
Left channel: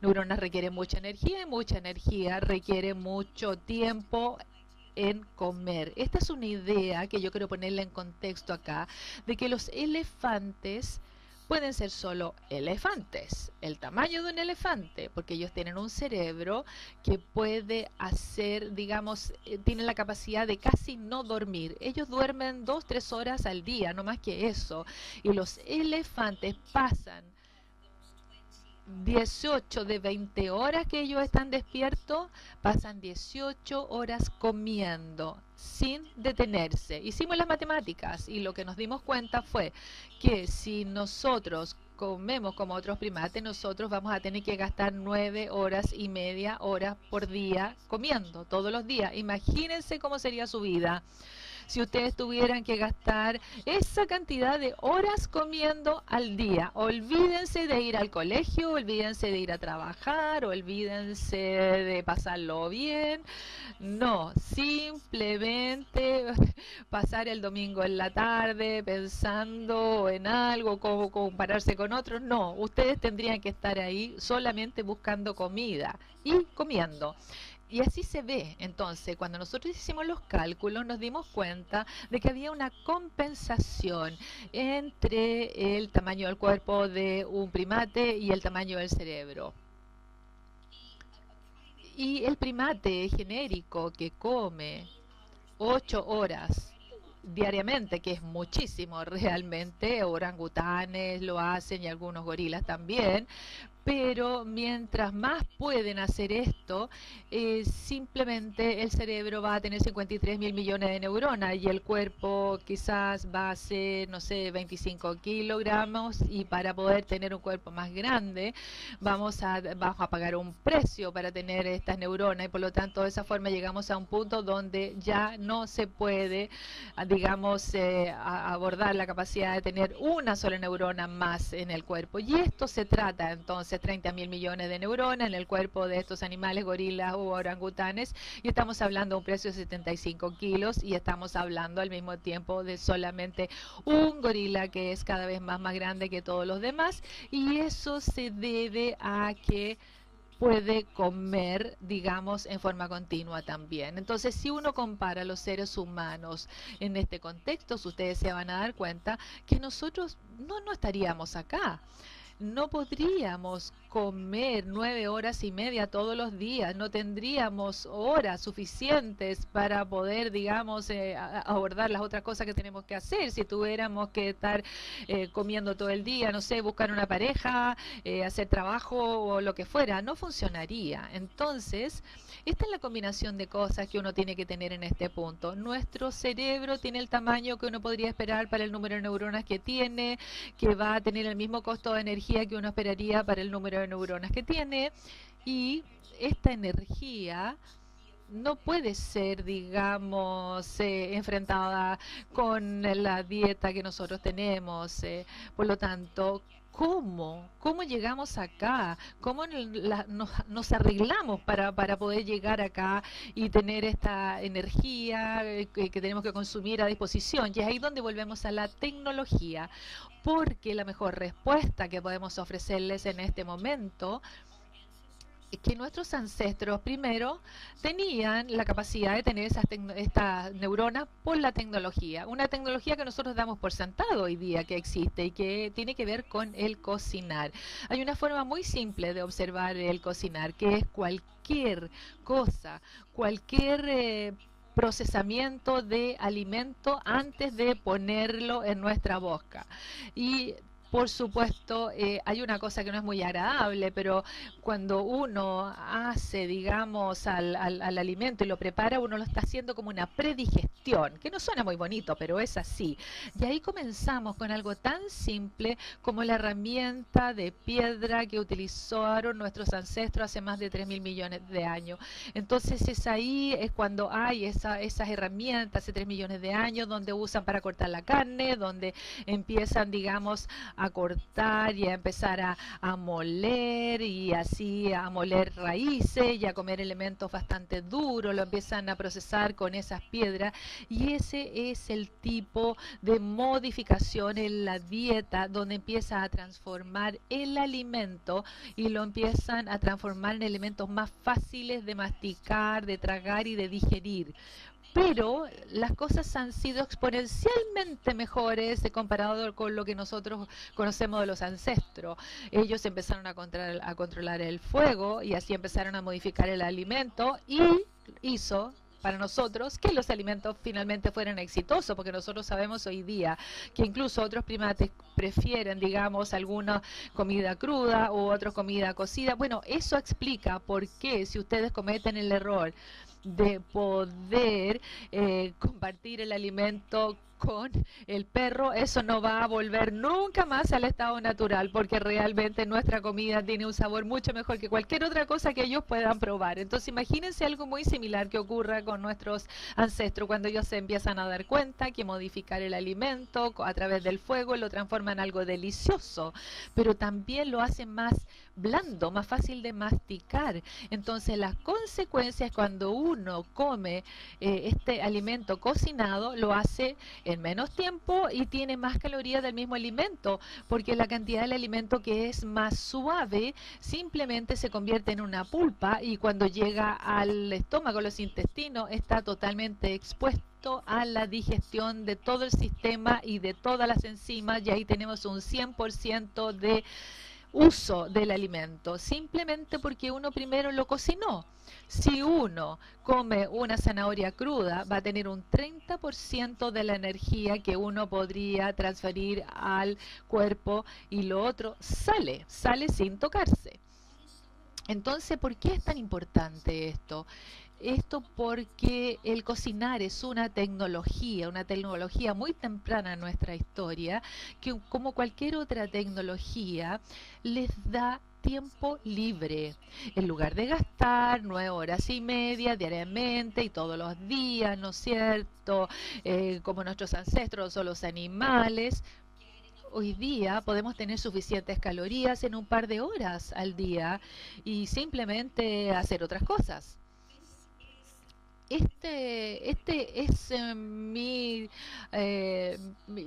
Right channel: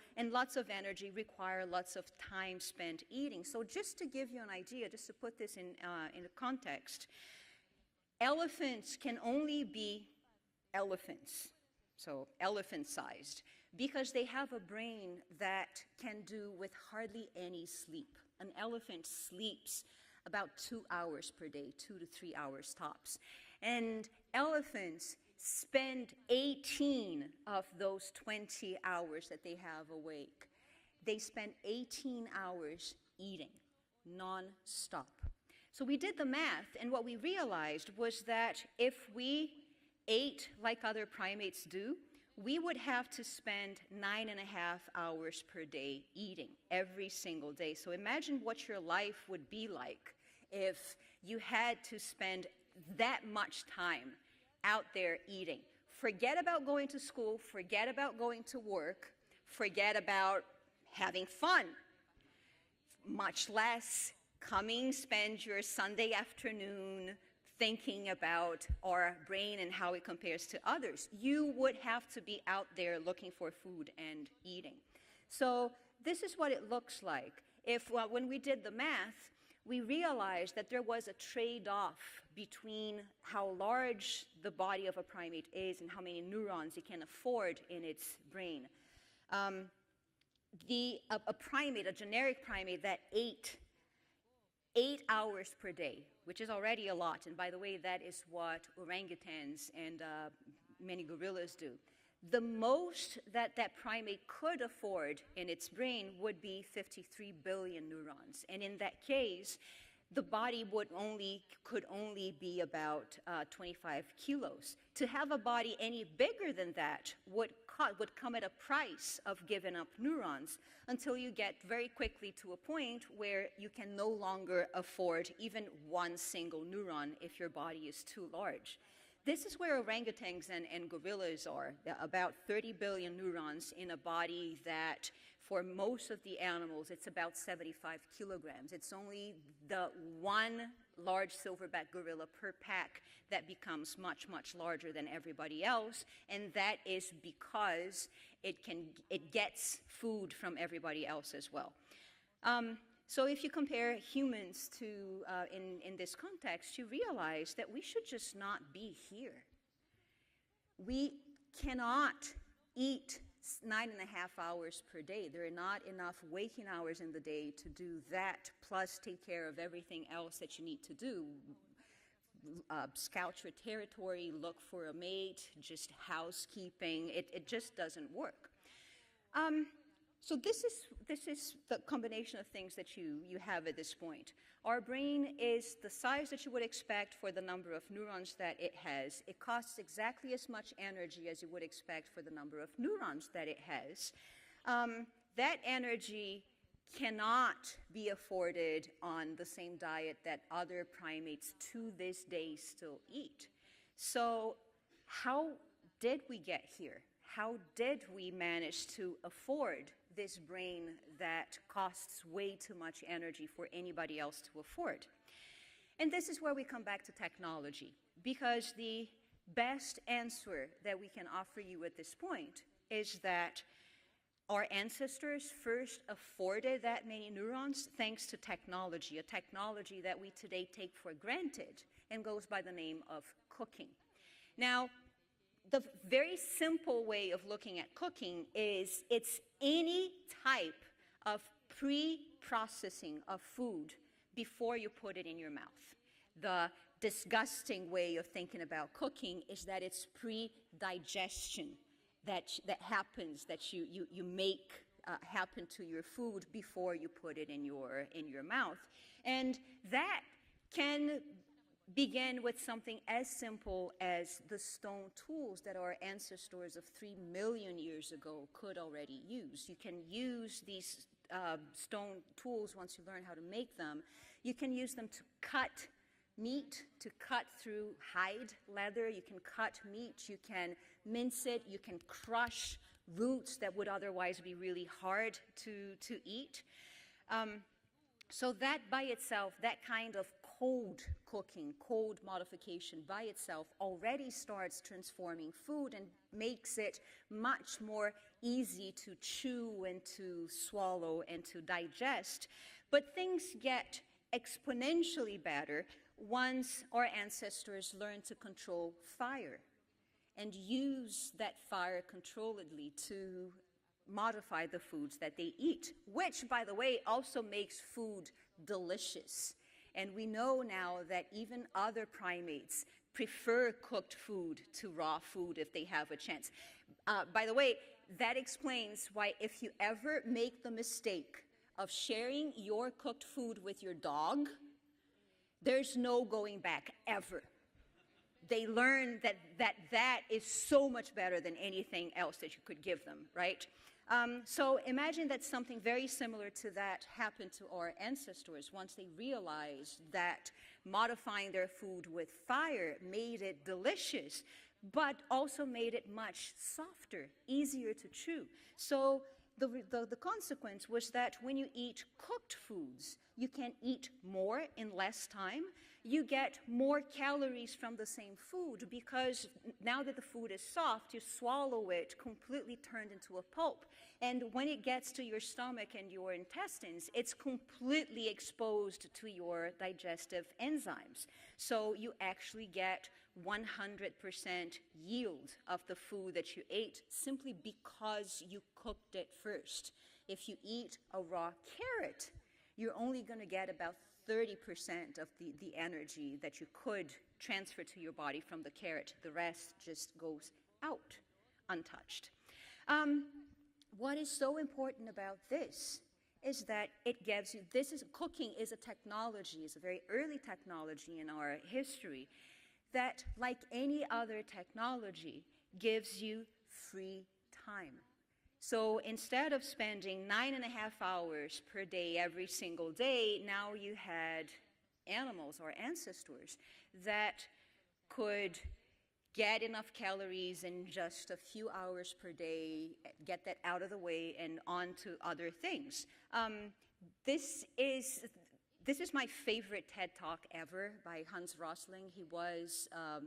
neuronas, requieren mucha energía requiere mucho tiempo en comer. Esta es una idea que yo quiero ponerla en contexto acá, de que los elefantes pueden ser solo elefantes, el tamaño de un elefante, porque ellos tienen un cerebro que puede hacer, digamos, tienen la capacidad de casi no dormir. Ellos duermen 2-3 horas al día, no más que eso. Y los elefantes pasan 18 de 20 horas que ellos están despiertos, pasan 18 horas comiendo. sin detenerse. Hicimos las matemáticas y lo que nos dimos cuenta fue que si nosotros comemos como otros primates, nosotros vamos a tener que gastar 9 horas y media horas por día comiendo todos los días. Imagínense cómo sería su vida si ustedes tuvieran que gastar esa cantidad de horas comiendo al día. Olvídense de ir al colegio, olvídense de ir a trabajar, olvídense de pasarlo bien. No, simplemente pasar el domingo en la tarde pensando en algo, como compararse con otros. No, ustedes tendrían que estar ahí solamente buscando comida y comiendo. Y así se ve. Entonces, cuando nosotros hicimos los cálculos, nos dimos cuenta de que había una compensación entre el tamaño del cuerpo de un primate y el tamaño del cerebro. Y el primate genérico que come 8 horas diariamente, que es muchísimo realmente, orangutanes lo hacen y algunos gorilas también, pero mientras más pueden hacer esto, simplemente el cerebro va a tener 53.000 millones de neuronas y el cuerpo quizás va a ser, no sé, 25 kilogramos, y para poder tener un cuerpo más grande vamos a pagar un precio para tener estas neuronas, y por lo tanto de esa forma llegamos a un punto donde ya no se puede, digamos, abordar la capacidad de tener una sola neurona más en el cuerpo. Y esto se trata entonces 30.000 millones de neuronas en el cuerpo de estos animales, gorilas u orangutanes, y estamos hablando de un precio de 75 kilos, y estamos hablando al mismo tiempo de solamente un gorila que es cada vez más grande que todos los demás, y eso se debe a que puede comer, digamos, en forma continua también. Entonces, si uno compara a los seres humanos en este contexto, ustedes se van a dar cuenta que nosotros no estaríamos acá. No podríamos comer 9 horas y media todos los días. No tendríamos horas suficientes para poder, digamos, abordar las otras cosas que tenemos que hacer. Si tuviéramos que estar comiendo todo el día, no sé, buscar una pareja, hacer trabajo o lo que fuera, no funcionaría. Entonces, esta es la combinación de cosas que uno tiene que tener en este punto. Nuestro cerebro tiene el tamaño que uno podría esperar para el número de neuronas que tiene, que va a tener el mismo costo de energía que uno esperaría para el número de neuronas que tiene, y esta energía no puede ser, digamos, enfrentada con la dieta que nosotros tenemos. Por lo tanto, ¿cómo llegamos acá? ¿Cómo nos arreglamos para poder llegar acá y tener esta energía que tenemos que consumir a disposición? Y es ahí donde volvemos a la tecnología, porque la mejor respuesta que podemos ofrecerles en este momento es que nuestros ancestros primero tenían la capacidad de tener estas neuronas por la tecnología. Una tecnología que nosotros damos por sentado hoy día que existe y que tiene que ver con el cocinar. Hay una forma muy simple de observar el cocinar, que es cualquier cosa, cualquier procesamiento de alimento antes de ponerlo en nuestra boca. Y por supuesto, hay una cosa que no es muy agradable, pero cuando uno hace, digamos, al alimento y lo prepara, uno lo está haciendo como una predigestión, que no suena muy bonito, pero es así. Y ahí comenzamos con algo tan simple como la herramienta de piedra que utilizaron nuestros ancestros hace más de 3.000 millones de años. Entonces, es cuando hay esas herramientas hace 3 millones de años, donde usan para cortar la carne, donde empiezan, digamos, a cortar y a empezar a moler, y así a moler raíces y a comer elementos bastante duros, lo empiezan a procesar con esas piedras, y ese es el tipo de modificación en la dieta donde empieza a transformar el alimento y lo empiezan a transformar en elementos más fáciles de masticar, de tragar y de digerir. Pero las cosas han sido exponencialmente mejores comparado con lo que nosotros conocemos de los ancestros. Ellos empezaron a controlar el fuego y así empezaron a modificar el alimento, y hizo para nosotros que los alimentos finalmente fueran exitosos, porque nosotros sabemos hoy día que incluso otros primates prefieren, digamos, alguna comida cruda u otra comida cocida. Bueno, eso explica por qué, si ustedes cometen el error de poder compartir el alimento con el perro, eso no va a volver nunca más al estado natural, porque realmente nuestra comida tiene un sabor mucho mejor que cualquier otra cosa que ellos puedan probar. Entonces imagínense algo muy similar que ocurra con nuestros ancestros cuando ellos se empiezan a dar cuenta que modificar el alimento a través del fuego lo transforma en algo delicioso, pero también lo hace más blando, más fácil de masticar. Entonces las consecuencias cuando uno come este alimento cocinado lo hace en menos tiempo y tiene más calorías del mismo alimento, porque la cantidad del alimento que es más suave simplemente se convierte en una pulpa y cuando llega al estómago, los intestinos, está totalmente expuesto a la digestión de todo el sistema y de todas las enzimas, y ahí tenemos un 100% de uso del alimento, simplemente porque uno primero lo cocinó. Si uno come una zanahoria cruda, va a tener un 30% de la energía que uno podría transferir al cuerpo y lo otro sale sin tocarse. Entonces, ¿por qué es tan importante esto? Esto porque el cocinar es una tecnología muy temprana en nuestra historia, que como cualquier otra tecnología, les da tiempo libre. En lugar de gastar 9 horas y media diariamente y todos los días, ¿no es cierto? Como nuestros ancestros o los animales, hoy día podemos tener suficientes calorías en un par de horas al día y simplemente hacer otras cosas. Este es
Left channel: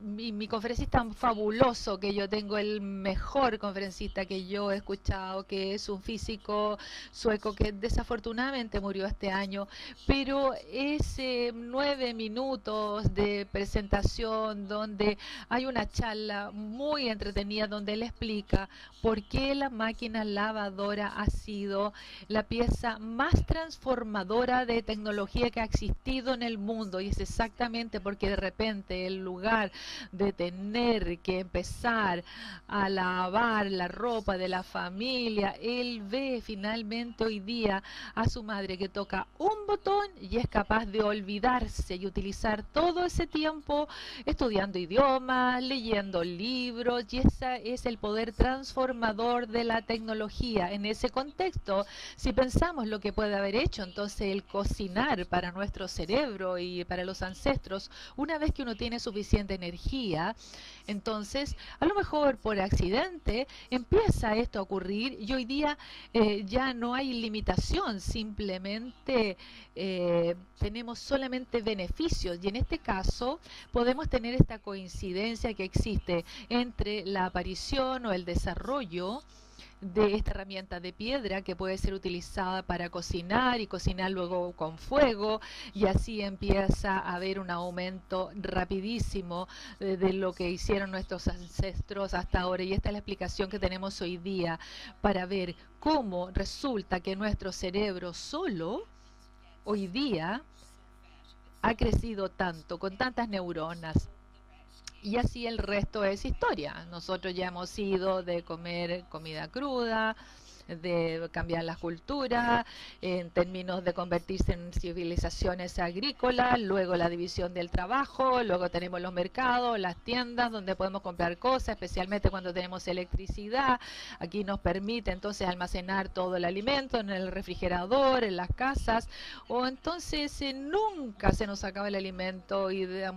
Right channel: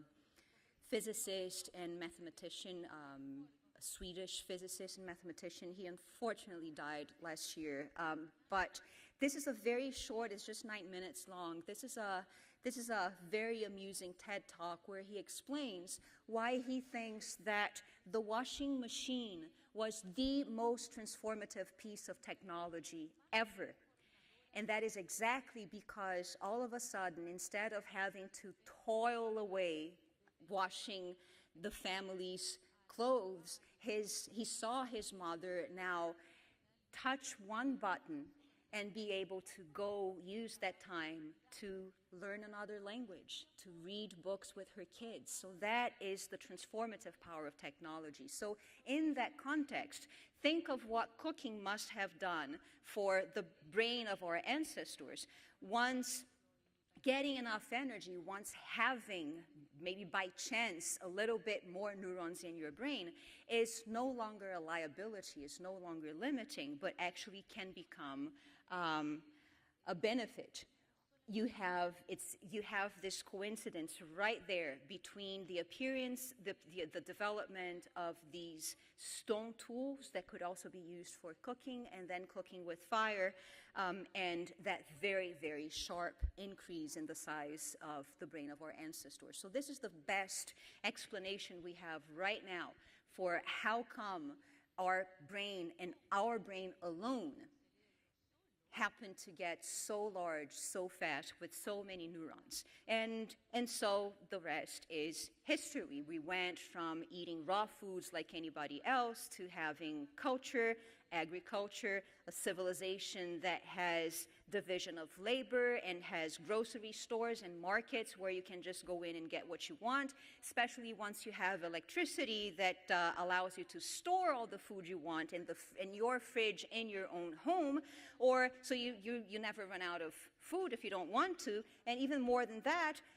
mi conferencista fabuloso que yo tengo, el mejor conferencista que yo he escuchado, que es un físico sueco que desafortunadamente murió este año, pero es 9 minutos de presentación donde hay una charla muy entretenida donde él explica por qué la máquina lavadora ha sido la pieza más transformadora de tecnología que ha existido en el mundo, y es exactamente porque de repente en lugar de tener que empezar a lavar la ropa de la familia, él ve finalmente hoy día a su madre que toca un botón y es capaz de olvidarse y utilizar todo ese tiempo estudiando idiomas, leyendo libros, y ese es el poder transformador de la tecnología. En ese contexto, si pensamos lo que puede haber hecho entonces el cocinar para nuestro cerebro y para los ancestros, una vez que uno tiene suficiente energía, entonces a lo mejor por accidente empieza esto a ocurrir y hoy día ya no hay limitación, simplemente tenemos solamente beneficios, y en este caso podemos tener esta coincidencia que existe entre la aparición o el desarrollo de esta herramienta de piedra que puede ser utilizada para cocinar y cocinar luego con fuego, y así empieza a haber un aumento rapidísimo de lo que hicieron nuestros ancestros hasta ahora, y esta es la explicación que tenemos hoy día para ver cómo resulta que nuestro cerebro solo hoy día ha crecido tanto, con tantas neuronas, y así el resto es historia. Nosotros ya hemos ido de comer comida cruda, de cambiar la cultura, en términos de convertirse en civilizaciones agrícolas, luego la división del trabajo, luego tenemos los mercados, las tiendas donde podemos comprar cosas, especialmente cuando tenemos electricidad. Aquí nos permite entonces almacenar todo el alimento en el refrigerador, en las casas, o entonces nunca se nos acaba el alimento,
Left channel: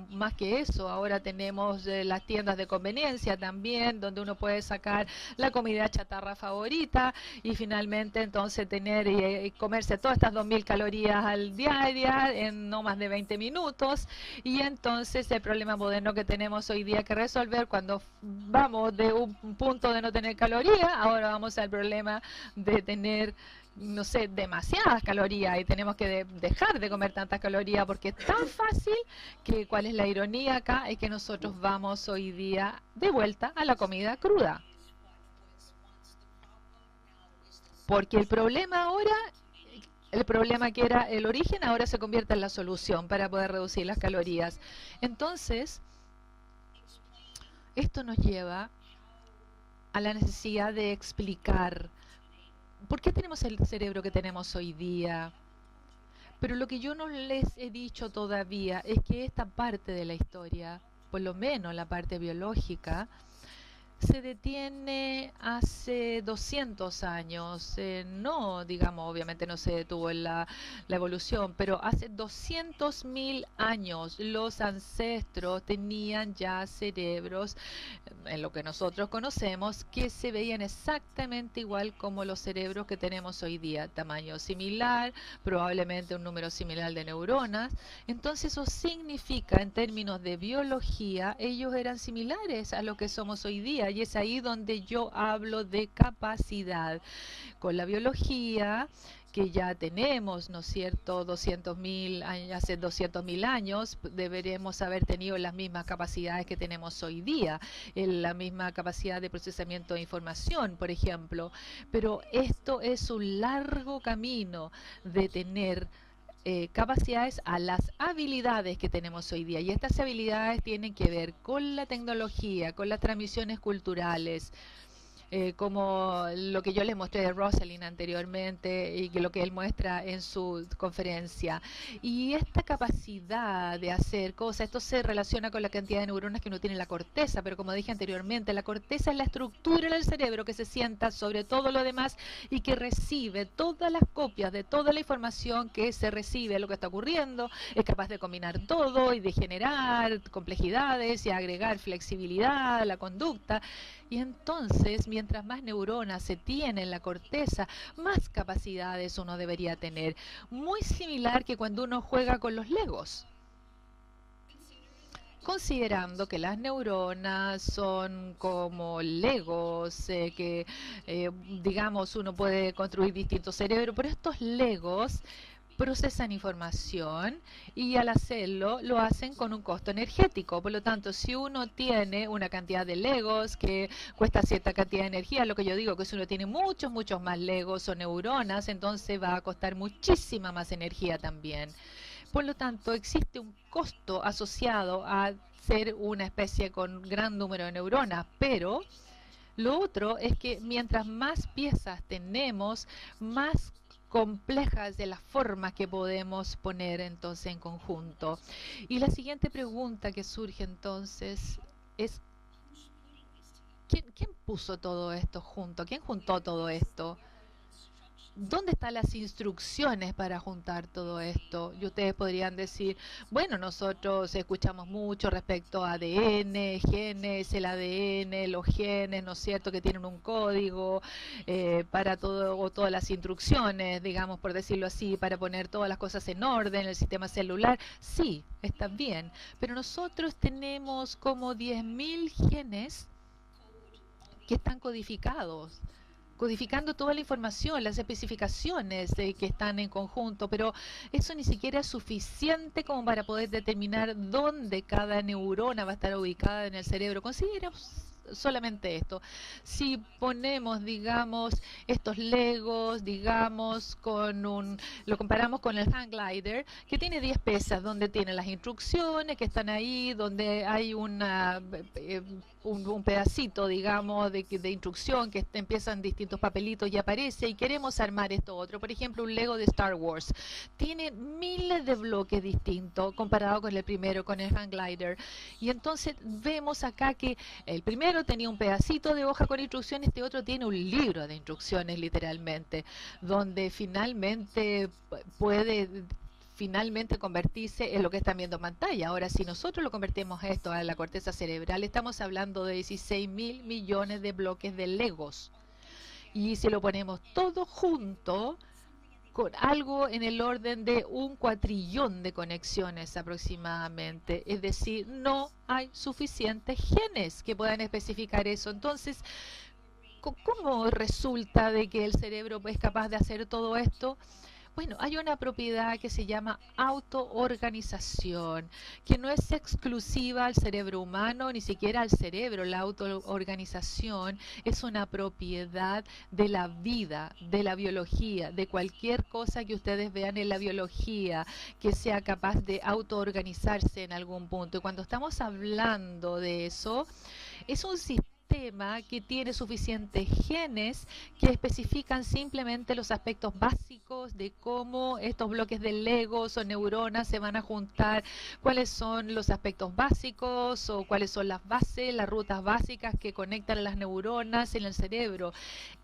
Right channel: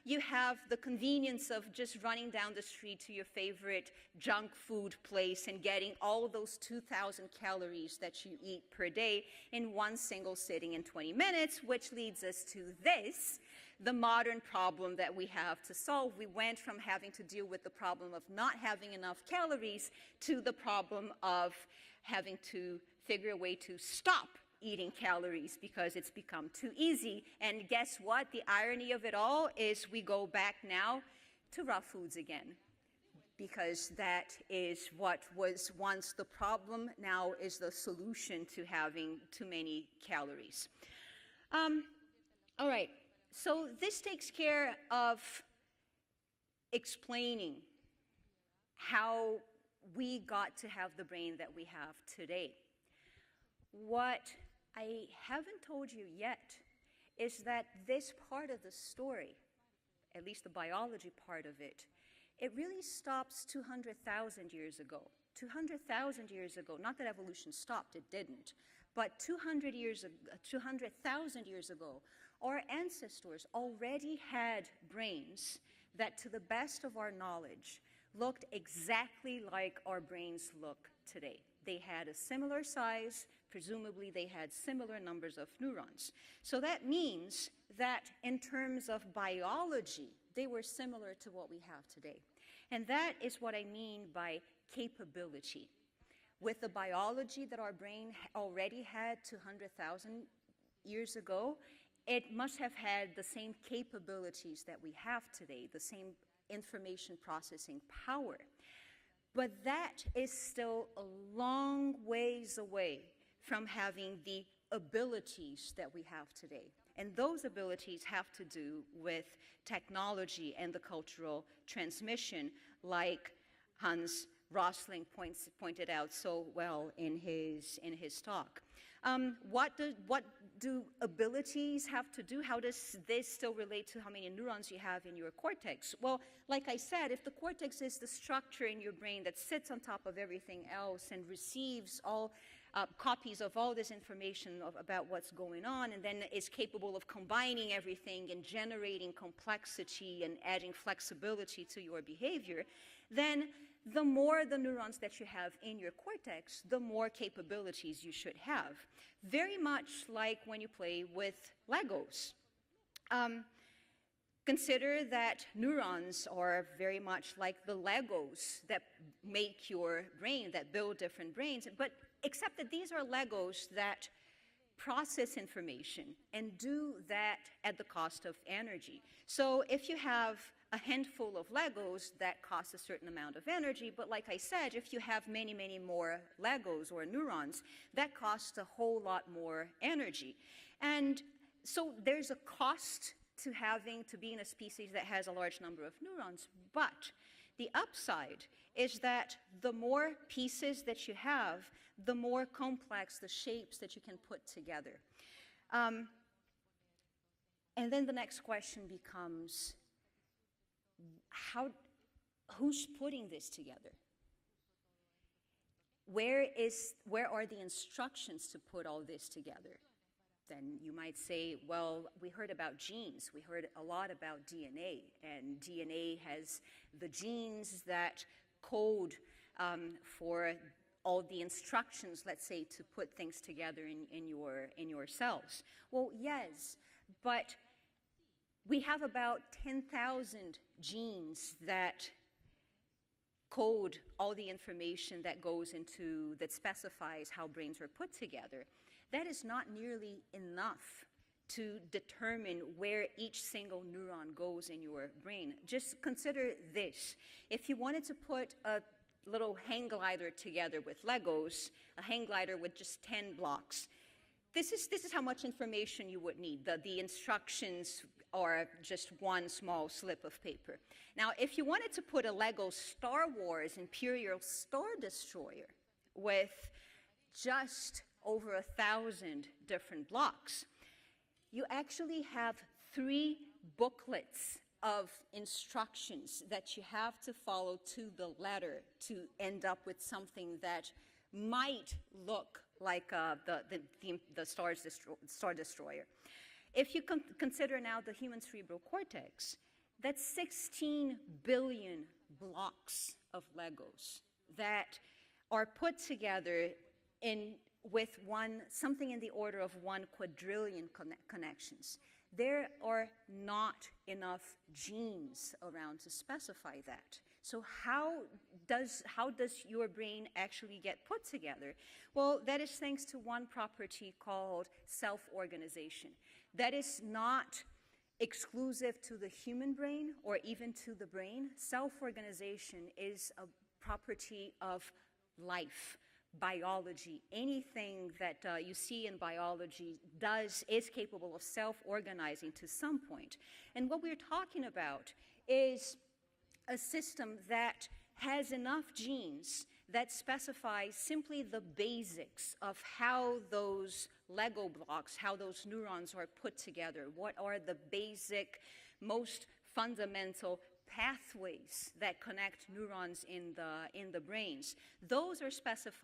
y más que eso, ahora tenemos las tiendas de conveniencia también, donde uno puede sacar la comida chatarra favorita y finalmente entonces tener y comerse todas estas 2000 calorías al día en no más de 20 minutos. Y entonces el problema moderno que tenemos hoy día que resolver, cuando vamos de un punto de no tener calorías, ahora vamos al problema de tener, no sé, demasiadas calorías, y tenemos que dejar de comer tantas calorías porque es tan fácil que, ¿cuál es la ironía acá? Es que nosotros vamos hoy día de vuelta a la comida cruda. Porque el problema ahora, el problema que era el origen, ahora se convierte en la solución para poder reducir las calorías. Entonces, esto nos lleva a la necesidad de explicar por qué tenemos el cerebro que tenemos hoy día. Pero lo que yo no les he dicho todavía es que esta parte de la historia, por lo menos la parte biológica, se detiene hace 200 años. No, digamos, obviamente no se detuvo en la evolución, pero hace 200.000 años los ancestros tenían ya cerebros, en lo que nosotros conocemos, que se veían exactamente igual como los cerebros que tenemos hoy día, tamaño similar, probablemente un número similar de neuronas. Entonces eso significa, en términos de biología, ellos eran similares a lo que somos hoy día, y es ahí donde yo hablo de capacidad. Con la biología que ya tenemos, ¿no es cierto?, 200.000 años, hace 200.000 años, deberemos haber tenido las mismas capacidades que tenemos hoy día, la misma capacidad de procesamiento de información, por ejemplo. Pero esto es un largo camino de tener capacidades a las habilidades que tenemos hoy día. Y estas habilidades tienen que ver con la tecnología, con las transmisiones culturales, como lo que yo les mostré de Rosalind anteriormente y lo que él muestra en su conferencia. Y esta capacidad de hacer cosas, esto se relaciona con la cantidad de neuronas que uno tiene en la corteza, pero como dije anteriormente, la corteza es la estructura del cerebro que se sienta sobre todo lo demás y que recibe todas las copias de toda la información que se recibe, lo que está ocurriendo, es capaz de combinar todo y de generar complejidades y agregar flexibilidad a la conducta. Y entonces, mientras más neuronas se tiene en la corteza, más capacidades uno debería tener. Muy similar que cuando uno juega con los Legos. Considerando que las neuronas son como Legos, que digamos uno puede construir distintos cerebros, pero estos Legos procesan información y al hacerlo lo hacen con un costo energético. Por lo tanto, si uno tiene una cantidad de Legos que cuesta cierta cantidad de energía, lo que yo digo que si uno tiene muchos más Legos o neuronas, entonces va a costar muchísima más energía también. Por lo tanto, existe un costo asociado a ser una especie con gran número de neuronas, pero lo otro es que mientras más piezas tenemos, más complejas de las formas que podemos poner entonces en conjunto. Y la siguiente pregunta que surge entonces es ¿quién puso todo esto junto? ¿Quién juntó todo esto? ¿Dónde están las instrucciones para juntar todo esto? Y ustedes podrían decir, bueno, nosotros escuchamos mucho respecto a ADN, genes, el ADN, los genes, ¿no es cierto?, que tienen un código para todo, o todas las instrucciones, digamos, por decirlo así, para poner todas las cosas en orden, el sistema celular. Sí, está bien, pero nosotros tenemos como 10.000 genes que están codificando toda la información, las especificaciones que están en conjunto, pero eso ni siquiera es suficiente como para poder determinar dónde cada neurona va a estar ubicada en el cerebro. Consideremos solamente esto. Si ponemos, digamos, estos Legos, digamos, lo comparamos con el hang glider, que tiene 10 piezas, donde tiene las instrucciones que están ahí, donde hay un pedacito, digamos, de instrucción que empiezan distintos papelitos y aparece, y queremos armar esto otro. Por ejemplo, un Lego de Star Wars tiene miles de bloques distintos comparado con el primero, con el hang glider. Y entonces vemos acá que el primero tenía un pedacito de hoja con instrucciones, este otro tiene un libro de instrucciones literalmente, donde finalmente puede convertirse en lo que están viendo en pantalla. Ahora, si nosotros lo convertimos esto a la corteza cerebral, estamos hablando de 16.000 millones de bloques de Legos. Y si lo ponemos todo junto, con algo en el orden de 1 cuatrillón de conexiones aproximadamente. Es decir, no hay suficientes genes que puedan especificar eso. Entonces, ¿cómo resulta de que el cerebro es capaz de hacer todo esto? Bueno, hay una propiedad que se llama llama autoorganización, que no es exclusiva al cerebro humano, ni siquiera al cerebro. La autoorganización es una propiedad de la vida, de la biología, de cualquier cosa que ustedes vean en la biología, que sea capaz de autoorganizarse en algún punto. Y cuando estamos hablando de eso, es un sistema que tiene suficientes genes que especifican simplemente los aspectos básicos de cómo estos bloques de Legos o neuronas se van a juntar, cuáles son los aspectos básicos o cuáles son las bases, las rutas básicas que conectan a las neuronas en el cerebro.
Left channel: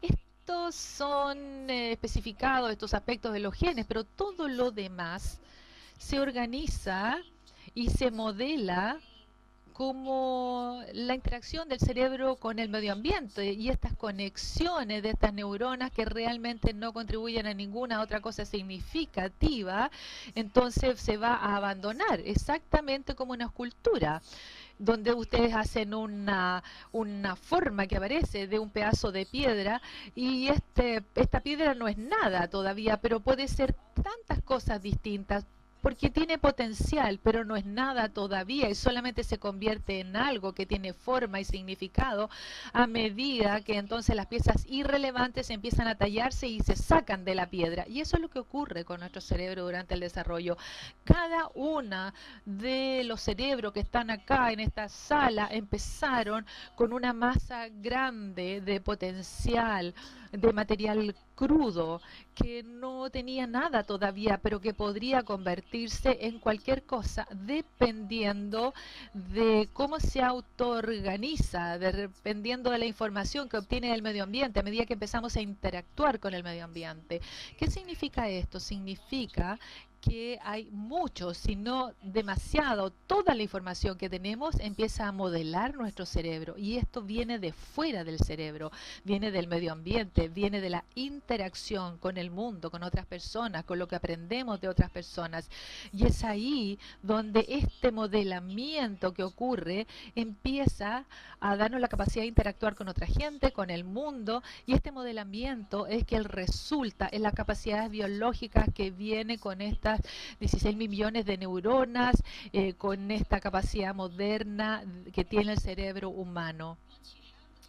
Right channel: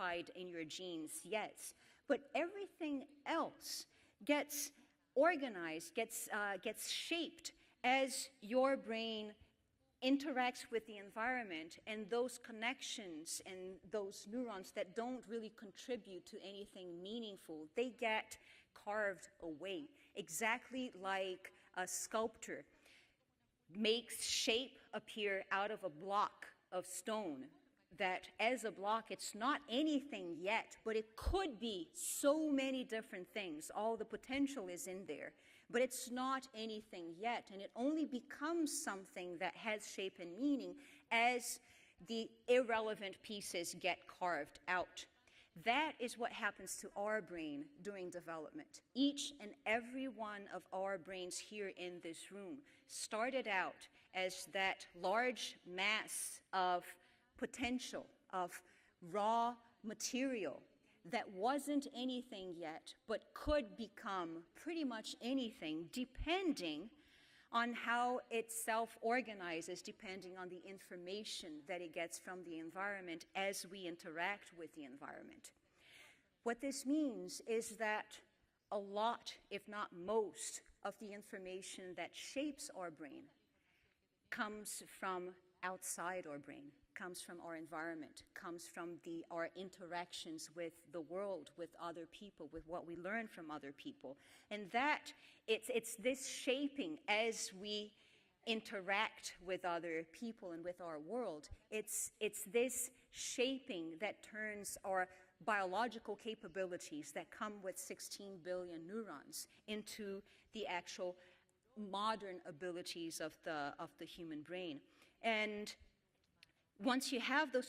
Estos son especificados, estos aspectos de los genes, pero todo lo demás se organiza y se modela como la interacción del cerebro con el medio ambiente y estas conexiones de estas neuronas que realmente no contribuyen a ninguna otra cosa significativa, entonces se va a abandonar, exactamente como una escultura, donde ustedes hacen una forma que aparece de un pedazo de piedra y esta piedra no es nada todavía, pero puede ser tantas cosas distintas, porque tiene potencial, pero no es nada todavía y solamente se convierte en algo que tiene forma y significado a medida que entonces las piezas irrelevantes empiezan a tallarse y se sacan de la piedra. Y eso es lo que ocurre con nuestro cerebro durante el desarrollo. Cada una de los cerebros que están acá en esta sala empezaron con una masa grande de potencial, de material crudo, que no tenía nada todavía, pero que podría convertirse en cualquier cosa dependiendo de cómo se autoorganiza, dependiendo de la información que obtiene del medio ambiente a medida que empezamos a interactuar con el medio ambiente. ¿Qué significa esto? Significa que hay mucho, si no demasiado, toda la información que tenemos empieza a modelar nuestro cerebro y esto viene de fuera del cerebro, viene del medio ambiente, viene de la interacción con el mundo, con otras personas, con lo que aprendemos de otras personas. Y es ahí donde este modelamiento que ocurre empieza a darnos la capacidad de interactuar con otra gente, con el mundo, y este modelamiento es que resulta en las capacidades biológicas que viene con estas 16 millones de neuronas, con esta capacidad moderna que tiene el cerebro humano.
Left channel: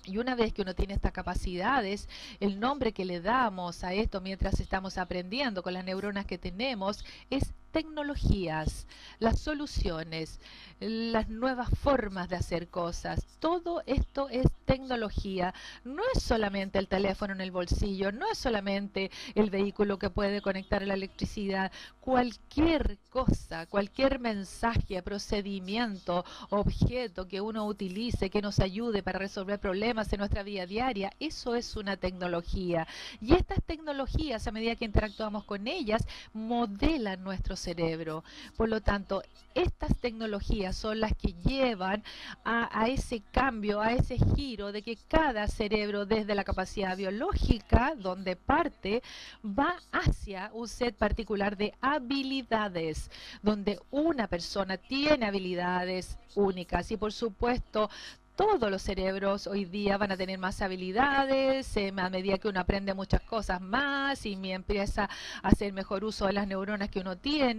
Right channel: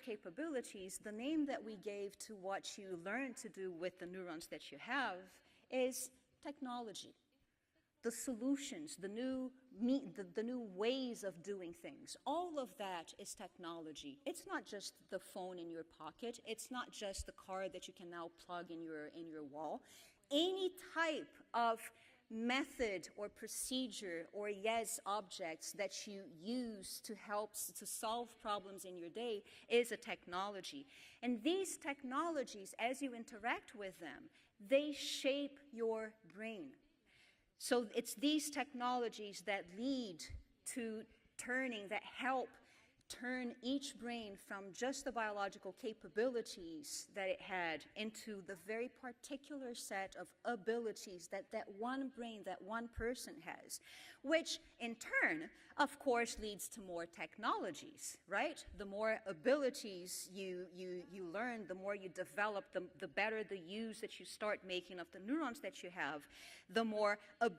Y una vez que uno tiene estas capacidades, el nombre que le damos a esto mientras estamos aprendiendo con las neuronas que tenemos es tecnologías, las soluciones, las nuevas formas de hacer cosas. Todo esto es tecnología. No es solamente el teléfono en el bolsillo, no es solamente el vehículo que puede conectar a la electricidad. Cualquier cosa, cualquier mensaje, procedimiento, objeto que uno utilice, que nos ayude para resolver problemas en nuestra vida diaria, eso es una tecnología. Y estas tecnologías, a medida que interactuamos con ellas, modelan nuestro cerebro. Por lo tanto, estas tecnologías son las que llevan a ese cambio, a ese giro de que cada cerebro, desde la capacidad biológica, donde parte, va hacia un set particular de habilidades, donde una persona tiene habilidades únicas. Y por supuesto, todos los cerebros hoy día van a tener más habilidades a medida que uno aprende muchas cosas más y empieza a hacer mejor uso de las neuronas que uno tiene,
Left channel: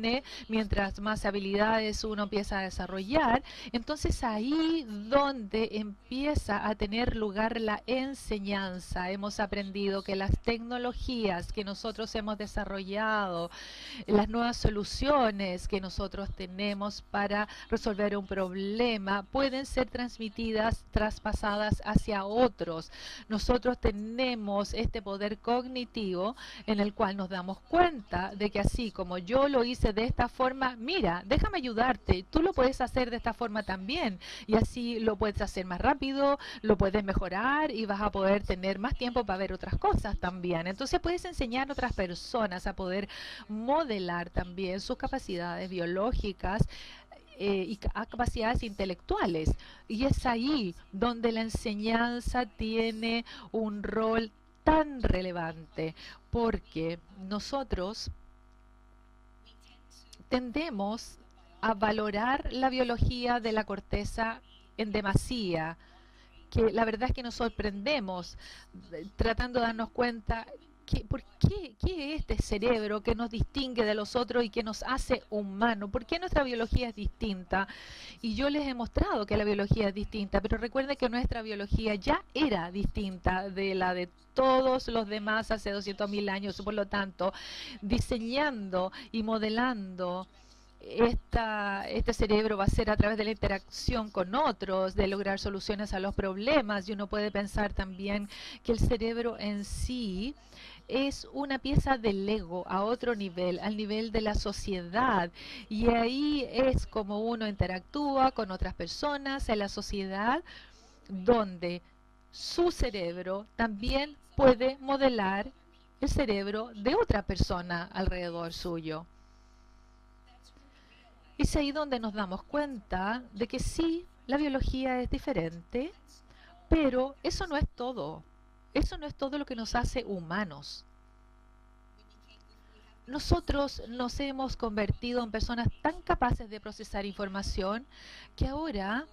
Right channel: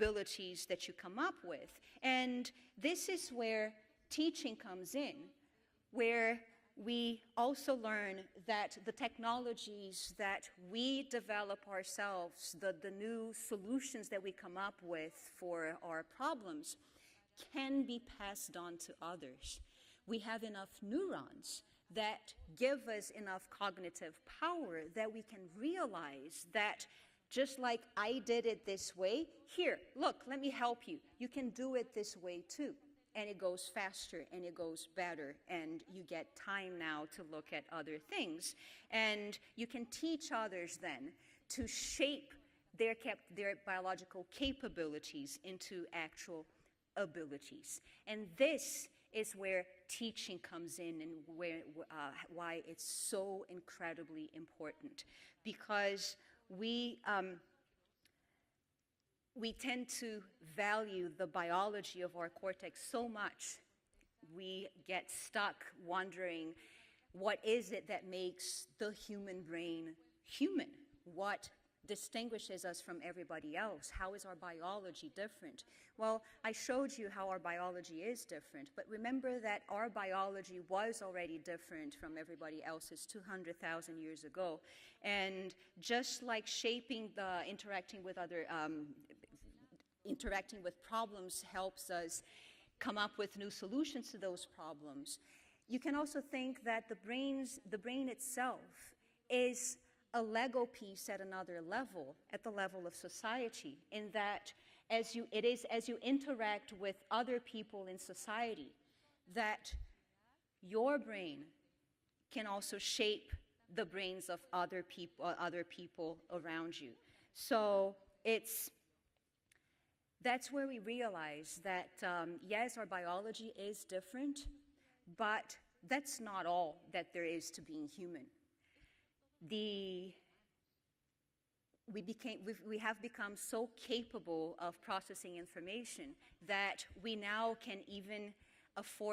mientras más habilidades uno empieza a desarrollar. Entonces ahí donde empieza a tener lugar la enseñanza. Hemos aprendido que las tecnologías que nosotros hemos desarrollado, las nuevas soluciones que nosotros tenemos para resolver un problema, pueden ser transmitidas, traspasadas hacia otros. Nosotros tenemos este poder cognitivo en el cual nos damos cuenta de que así como yo lo hice de esta forma, mira, déjame ayudarte, tú lo puedes hacer de esta forma también y así lo puedes hacer más rápido, lo puedes mejorar y vas a poder tener más tiempo para ver otras cosas también. Entonces puedes enseñar a otras personas a poder modelar también sus capacidades biológicas y capacidades intelectuales. Y es ahí donde la enseñanza tiene un rol tan relevante, porque nosotros tendemos a valorar la biología de la corteza en demasía, que la verdad es que nos sorprendemos tratando de darnos cuenta ¿Qué es este cerebro que nos distingue de los otros y que nos hace humanos? ¿Por qué nuestra biología es distinta? Y yo les he mostrado que la biología es distinta, pero recuerden que nuestra biología ya era distinta de la de todos los demás hace 200.000 años. Por lo tanto, diseñando y modelando este cerebro va a ser a través de la interacción con otros, de lograr soluciones a los problemas. Y uno puede pensar también que el cerebro en sí es una pieza de Lego a otro nivel, al nivel de la sociedad. Y ahí es como uno interactúa con otras personas en la sociedad, donde su cerebro también puede modelar el cerebro de otra persona alrededor suyo. Es ahí donde nos damos cuenta de que sí, la biología es diferente, pero eso no es todo. Eso no es todo lo que nos hace humanos. Nosotros nos hemos convertido en personas tan capaces de procesar información que ahora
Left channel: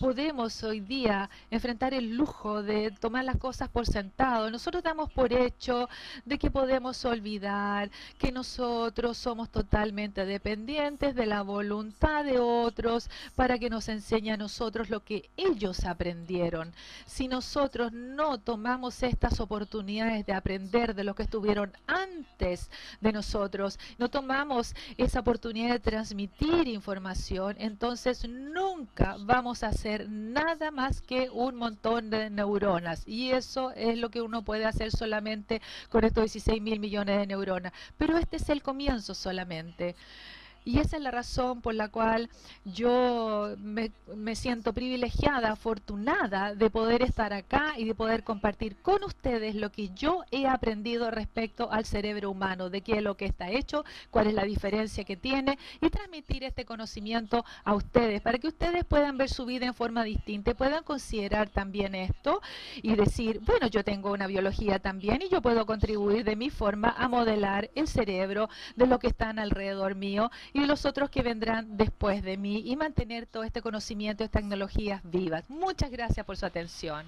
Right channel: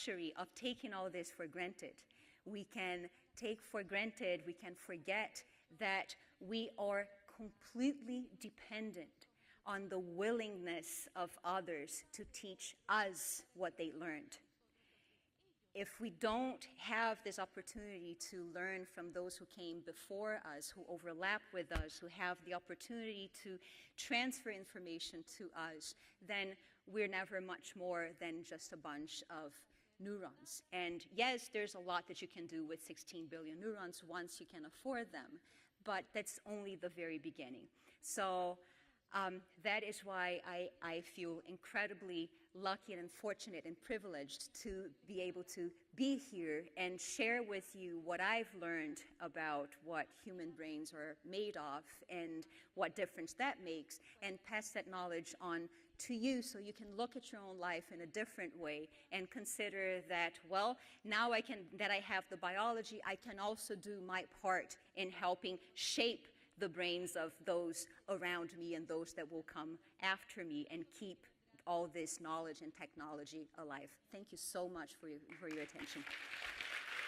podemos hoy día enfrentar el lujo de tomar las cosas por sentado. Nosotros damos por hecho de que podemos olvidar que nosotros somos totalmente dependientes de la voluntad de otros para que nos enseñe a nosotros lo que ellos aprendieron. Si nosotros no tomamos estas oportunidades de aprender de lo que estuvieron antes de nosotros, no tomamos esa oportunidad de transmitir información, entonces nunca vamos a hacer nada más que un montón de neuronas. Y eso es lo que uno puede hacer solamente con estos 16.000 millones de neuronas. Pero este es el comienzo solamente. Y esa es la razón por la cual yo me siento privilegiada, afortunada de poder estar acá y de poder compartir con ustedes lo que yo he aprendido respecto al cerebro humano, de qué es lo que está hecho, cuál es la diferencia que tiene, y transmitir este conocimiento a ustedes para que ustedes puedan ver su vida en forma distinta y puedan considerar también esto y decir, bueno, yo tengo una biología también y yo puedo contribuir de mi forma a modelar el cerebro de lo que están alrededor mío y de los otros que vendrán después de mí y mantener todo este conocimiento y tecnologías vivas. Muchas gracias por su atención.